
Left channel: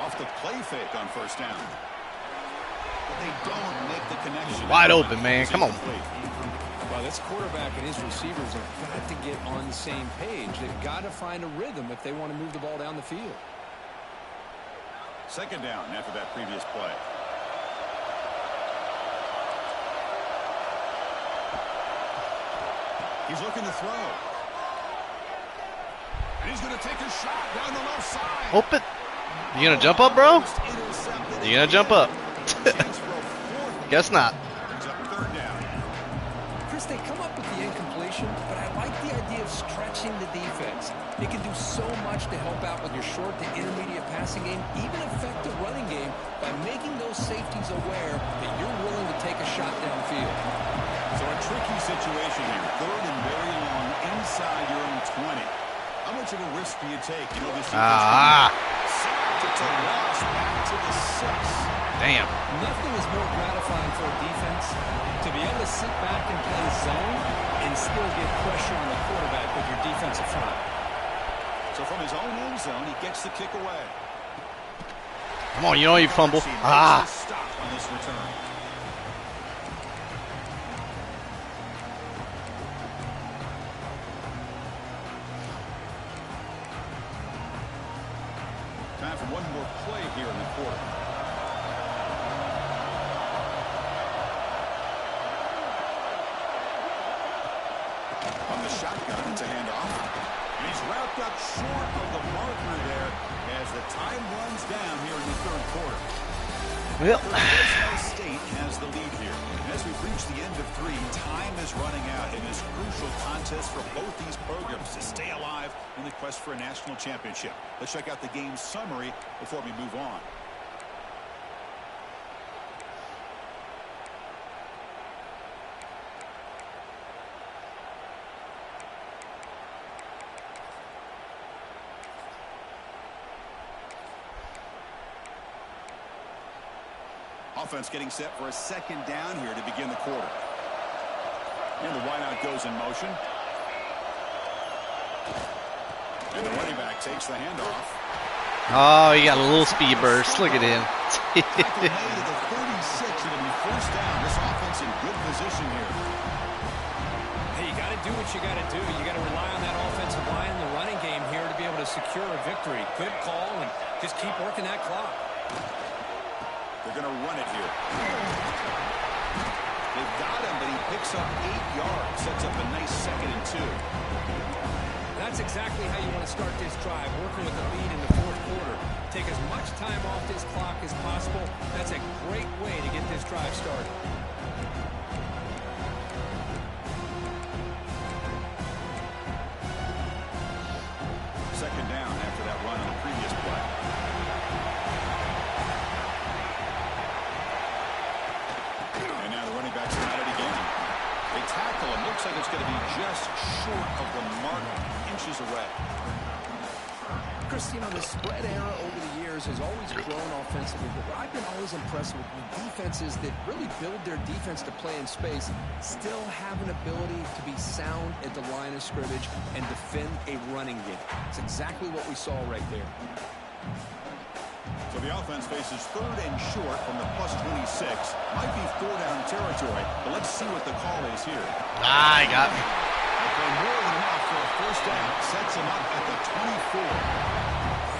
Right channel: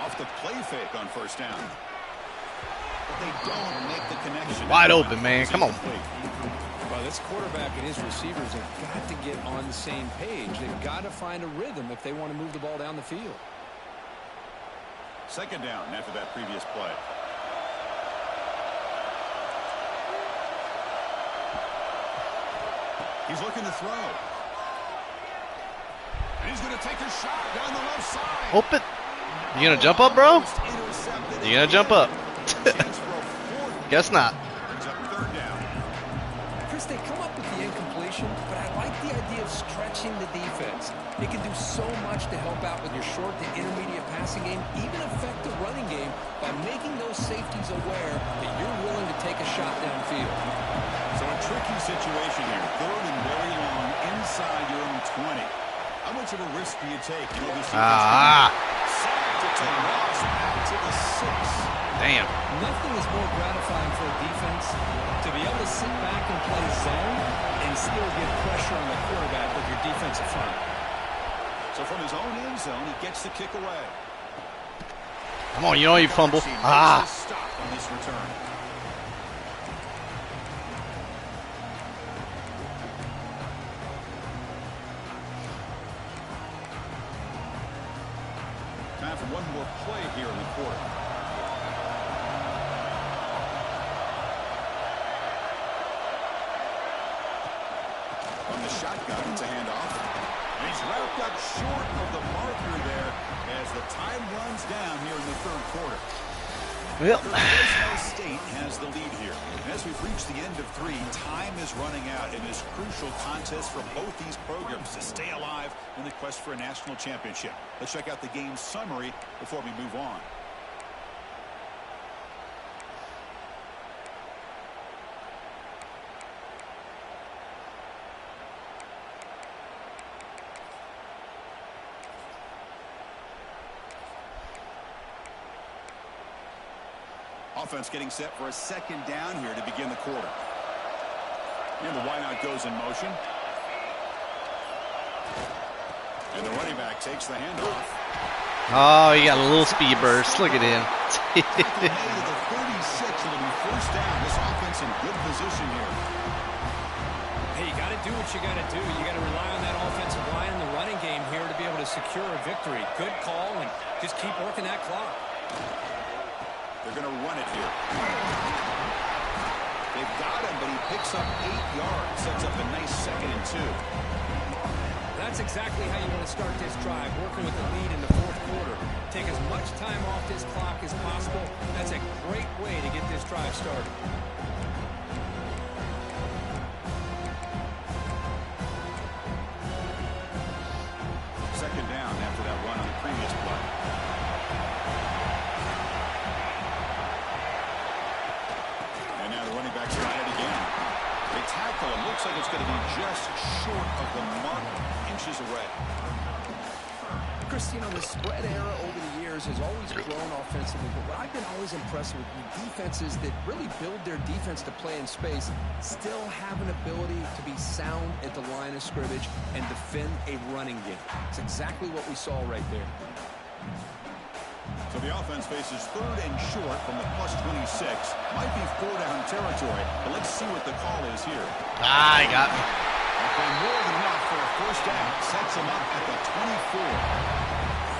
Off the play fake on first down. But they don't make the connection. Wide open, man. Come on. Well, this quarterback and his receivers have got to get on the same page. They've got to find a rhythm if they want to move the ball down the field. Second down after that previous play. He's looking to throw. And he's going to take a shot down the left side. Open. You gonna jump up, bro? You gonna jump up? Guess not. Chris, they come up with the incompletion, but I like the idea of stretching the defense. It can do so much to help out with your short to intermediate passing game, even affect the running game by making those safeties aware that you're willing to take a shot downfield. So a tricky situation here. Third and very long inside your own 20. How much of a risk do you take? You know, this defense sacked. It's a loss back to the 6. Damn. Nothing is more gratifying for a defense to be able to sit back and play zone and still get pressure on the quarterback with your defensive front. So from his own end zone, he gets the kick away. Come on, you know you fumble. Stop on this return. Time for one more play here in the quarter. On the shotgun, it's a handoff. And he's wrapped up short of the marker there as the time runs down here in the third quarter. Well, Fresno State has the lead here. And as we've reached the end of 3, time is running out in this crucial contest for both these programs to stay alive in the quest for a national championship. Let's check out the game summary before we move on. Offense getting set for a second down here to begin the quarter. And the wideout goes in motion. And the running back takes the handoff. oh, he got a little speed burst. Look at him. Tackle made to the 36. It'll be first down. This offense in good position here. Hey, you got to do what you got to do. You got to rely on that offensive line in the running game here to be able to secure a victory. Good call, and just keep working that clock. They're going to run it here. They've got him, but he picks up 8 yards. Sets up a nice 2nd and 2. That's exactly how you want to start this drive, working with the lead in the fourth quarter. Take as much time off this clock as possible. That's a great way to get this drive started. Second down after that run on the previous play. And now the running back's got it again. They tackle him. Looks like it's going to be just short of the mark, inches away. Chris, you know, the spread era over the years years has always grown offensively, but what I've been always impressed with defenses that really build their defense to play in space still have an ability to be sound at the line of scrimmage and defend a running game. It's exactly what we saw right there. So the offense faces 3rd and short from the +26. Might be 4-down territory, but let's see what the call is here. Ah, he got me. They play more than enough for a first down. Sets him up at the 24.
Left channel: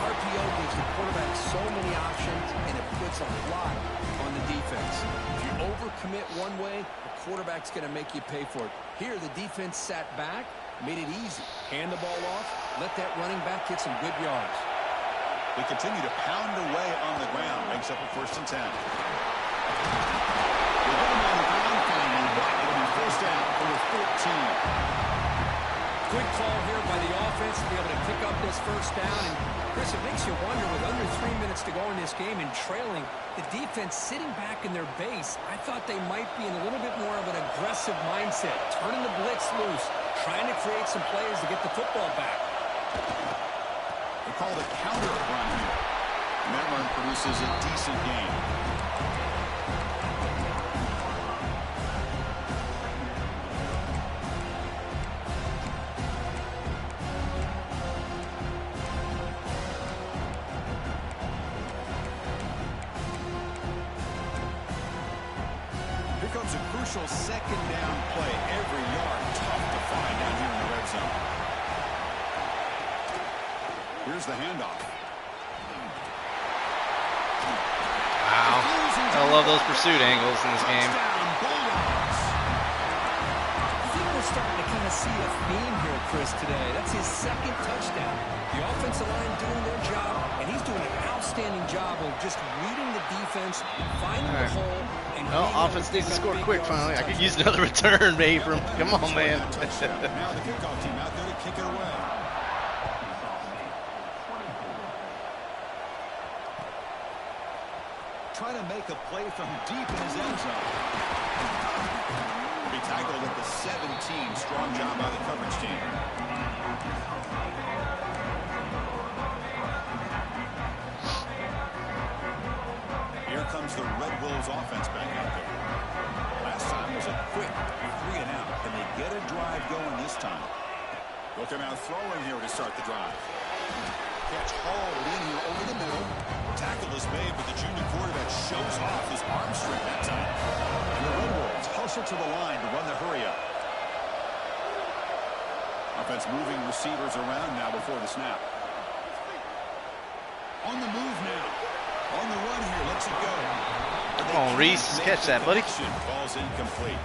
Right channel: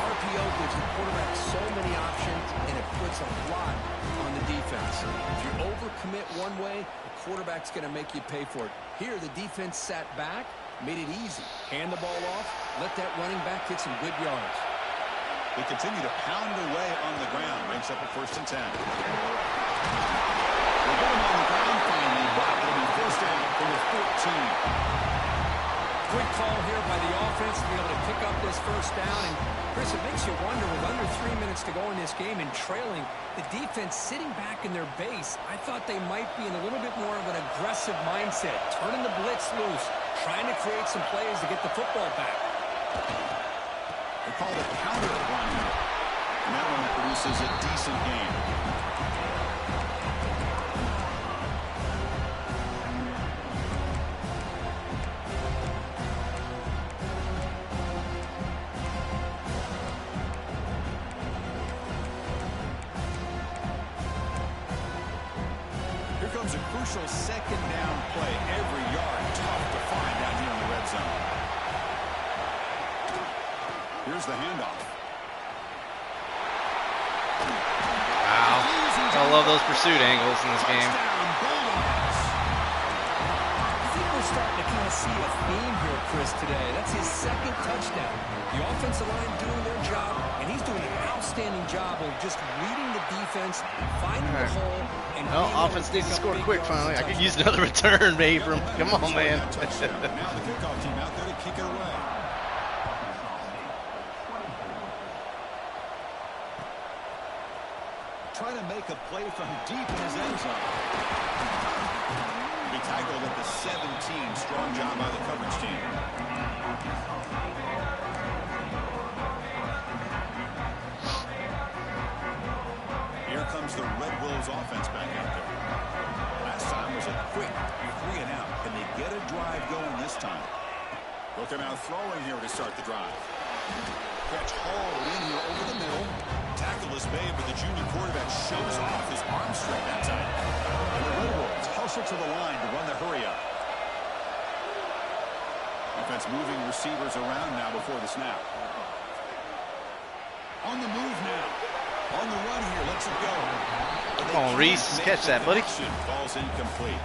RPO gives the quarterback so many options, and it puts a lot on the defense. If you overcommit one way, the quarterback's going to make you pay for it. Here, the defense sat back, made it easy. Hand the ball off, let that running back get some good yards. They continue to pound away on the ground. Ranks up at 1st and 10. We'll get him on the ground finally, but it'll be 1st down from the 14. Good call here by the offense to be able to pick up this first down. And, Chris, it makes you wonder, with under 3 minutes to go in this game and trailing, the defense sitting back in their base, I thought they might be in a little bit more of an aggressive mindset, turning the blitz loose, trying to create some plays to get the football back. They call it a counter run here. Melon produces a decent game. Here comes a crucial 2nd down play. Every yard tough to find down here in the red zone. Here's the handoff. Wow. I love those pursuit angles in this game. I think we're starting to kind of see a theme here, Chris, today. That's his 2nd touchdown. The offensive line doing their job, and he's doing an outstanding job of just reading the defense, finding the hole, and offense needs to score quick finally. I could use another return, maybe. Come on, man. Now the kickoff team out there to kick it away. Trying to make a play from deep in his end zone. Be tackled at the 17. Strong job by the coverage team. Here comes the Red Wolves offense back out there. Last time was a quick 3 and out. Can they get a drive going this time? They'll come out throwing here to start the drive. Catch hauled in here over the middle. Tackle is made, but the junior quarterback shows off his arm strength that time. And the Red Wolves hustle to the line to run the hurry-up. Offense moving receivers around now before the snap. On the move now. On the run here, lets it go. Come on, Reese. Catch that, buddy. Ball's incomplete.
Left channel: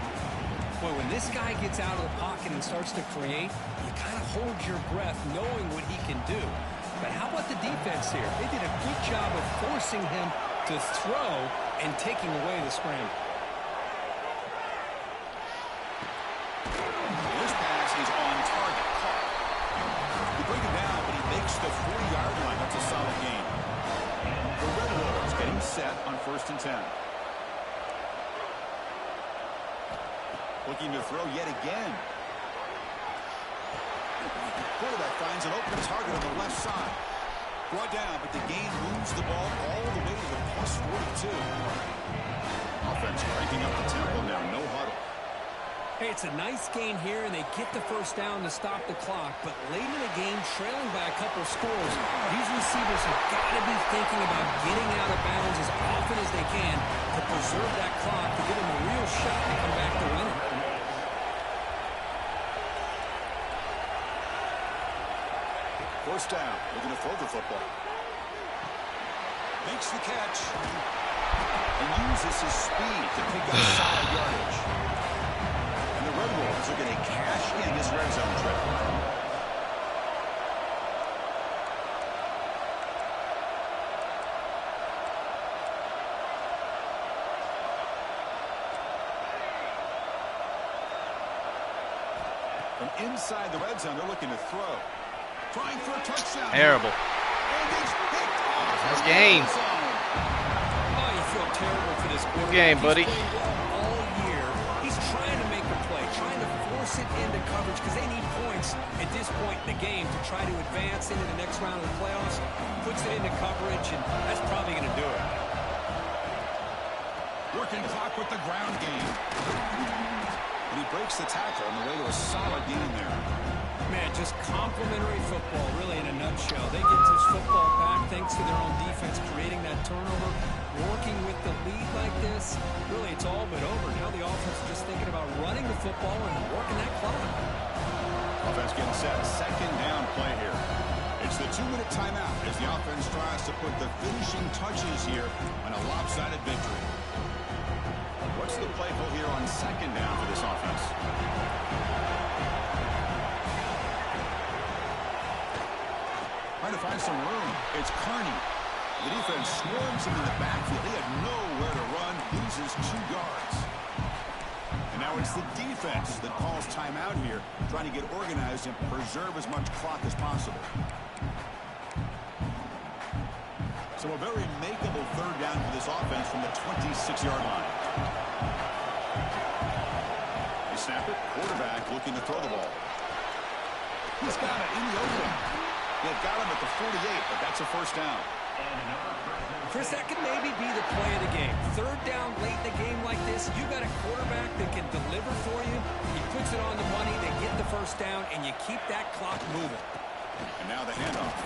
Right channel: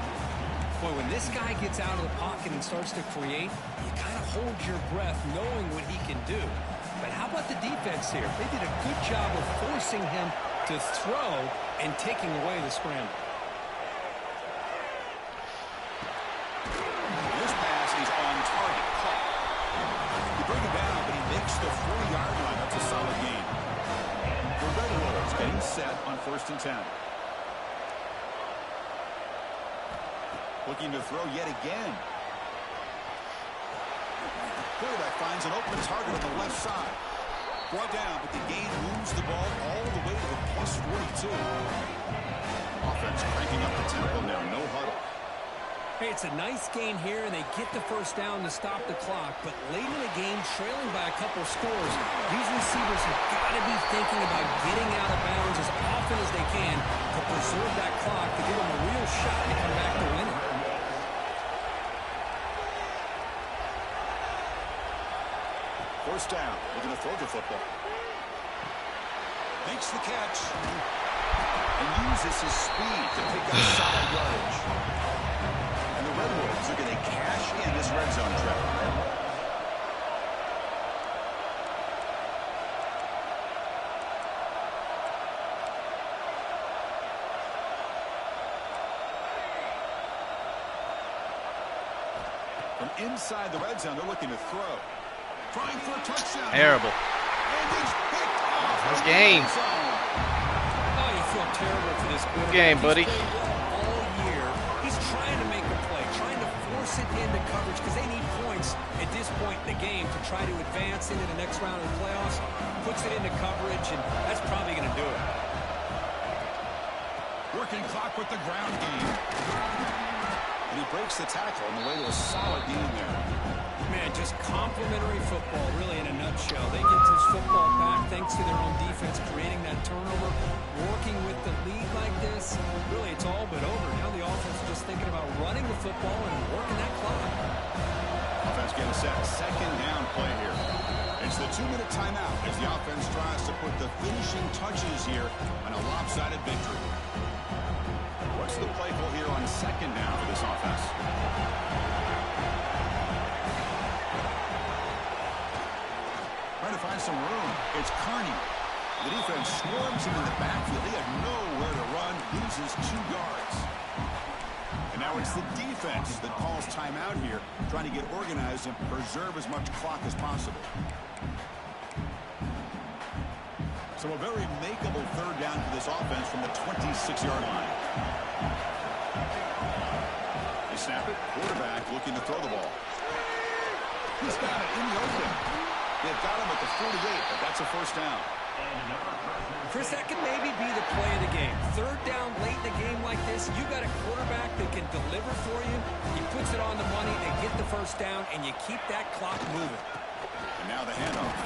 Boy, when this guy gets out of the pocket and starts to create, you kind of hold your breath knowing what he can do. But how about the defense here? They did a good job of forcing him to throw and taking away the scramble. This pass is on target. Caught. You bring him down, but he makes the 40-yard line. That's a solid gain. The Red Wolves getting set on 1st and 10. Looking to throw yet again. Quarterback finds an open target on the left side. Brought down, but the gain moves the ball all the way to the +42. Offense cranking up the tempo now. No huddle. Hey, it's a nice gain here, and they get the first down to stop the clock. But late in the game, trailing by a couple scores, these receivers have got to be thinking about getting out of bounds as often as they can to preserve that clock, to give them a real shot to come back to win it. First down. Looking to throw the football. Makes the catch. And uses his speed to pick up solid yardage. And the Red Wolves are going to cash in this red zone trip. From inside the red zone, they're looking to throw. Trying for a touchdown. Terrible. And he's picked off. Nice game. Oh, you feel terrible for this quarterback. Good game, buddy. He's played well all year. He's trying to make a play, trying to force it into coverage because they need points at this point in the game to try to advance into the next round of the playoffs. Puts it into coverage, and that's probably going to do it. Working clock with the ground game. And he breaks the tackle on the way to a solid gain there. Man, just complimentary football, really, in a nutshell. They get this football back thanks to their own defense, creating that turnover, working with the lead like this. Really, it's all but over. Now the offense is just thinking about running the football and working that clock. Offense getting set. Second down play here. It's the 2-minute timeout as the offense tries to put the finishing touches here on a lopsided victory. What's the play call here on second down for this offense? Trying to find some room. It's Carney. The defense swarms him in the backfield. He had nowhere to run. Loses 2 yards. And now it's the defense that calls timeout here, trying to get organized and preserve as much clock as possible. So a very makeable third down for this offense from the 26-yard line. They snap it. Quarterback looking to throw the ball. He's got it in the open. They've got him at the 48, but that's a first down. Chris, that could maybe be the play of the game. Third down late in the game like this, you got a quarterback that can deliver for you. He puts it on the money, they get the first down, and you keep that clock moving. And now the handoff.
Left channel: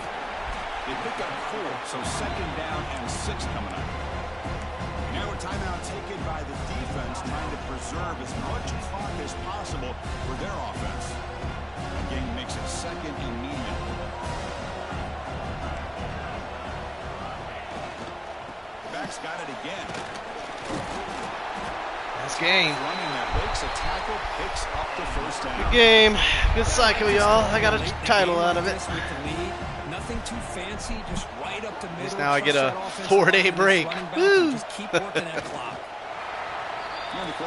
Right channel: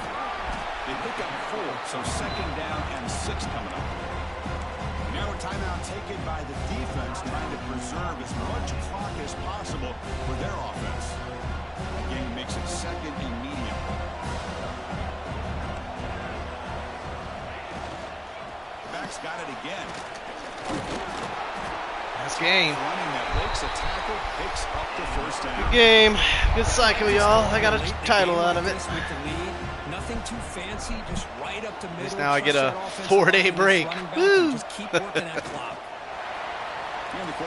They pick up 4, so second down and 6 coming up. Now a timeout taken by the defense, trying to preserve as much clock as possible for their offense. Again, makes it second and medium. Back's got it again. Nice game. Running that breaks a tackle, picks up the first down. Good game. Good cycle, y'all. I got a title out of it. Nothing too fancy, just right up the middle. Now I get a 4-day break. Woo! Just keep working that clock.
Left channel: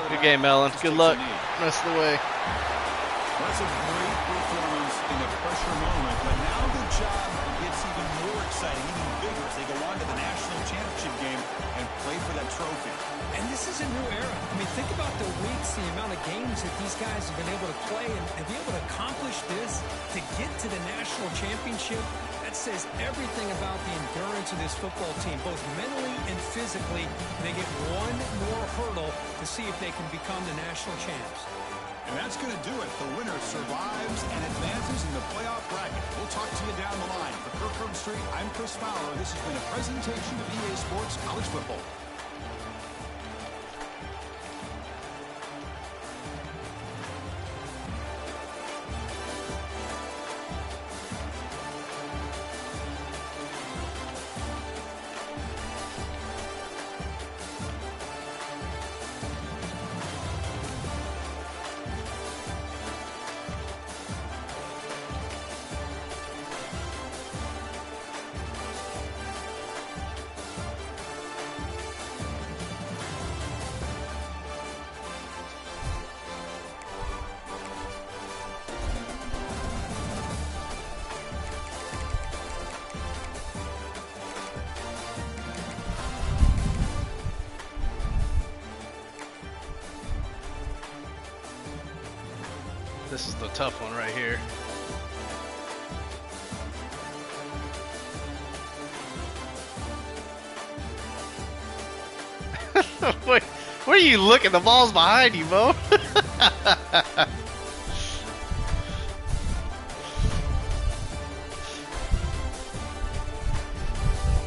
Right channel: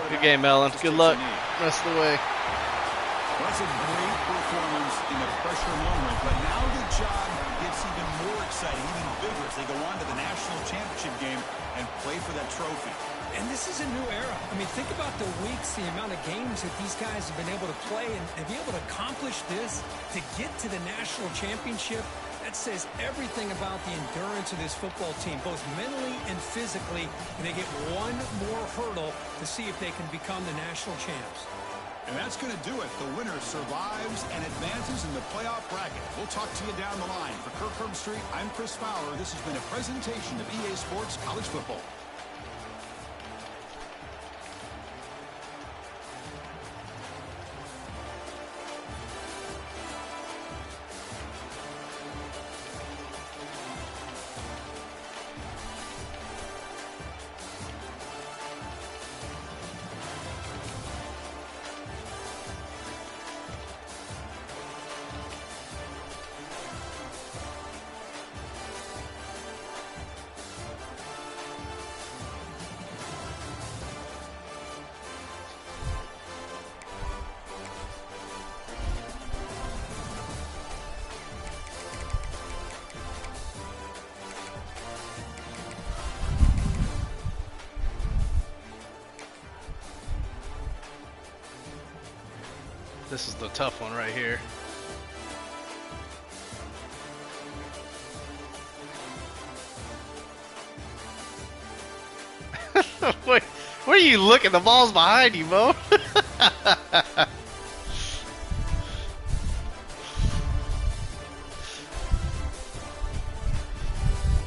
Good game, Melon. Good luck rest of the way. Well, that's a great performance in a pressure moment, but now the job gets even more exciting, even bigger as they go on to the national championship game and play for that trophy. And this is a new era. I mean, think about the weeks, the amount of games that these guys have been able to play, and to be able to accomplish this, to get to the national championship, that says everything about the endurance of this football team, both mentally and physically. And they get one more hurdle to see if they can become the national champs. And that's going to do it. The winner survives and advances in the playoff bracket. We'll talk to you down the line. For Kirkland Street, I'm Chris Fowler. This has been a presentation of EA Sports College Football. This is the tough one right here. Wait, where are you looking? The ball's behind you, Mo.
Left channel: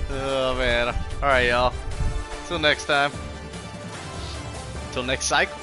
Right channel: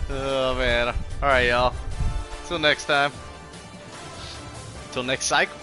Oh man. Alright, y'all. Till next time. Till next cycle.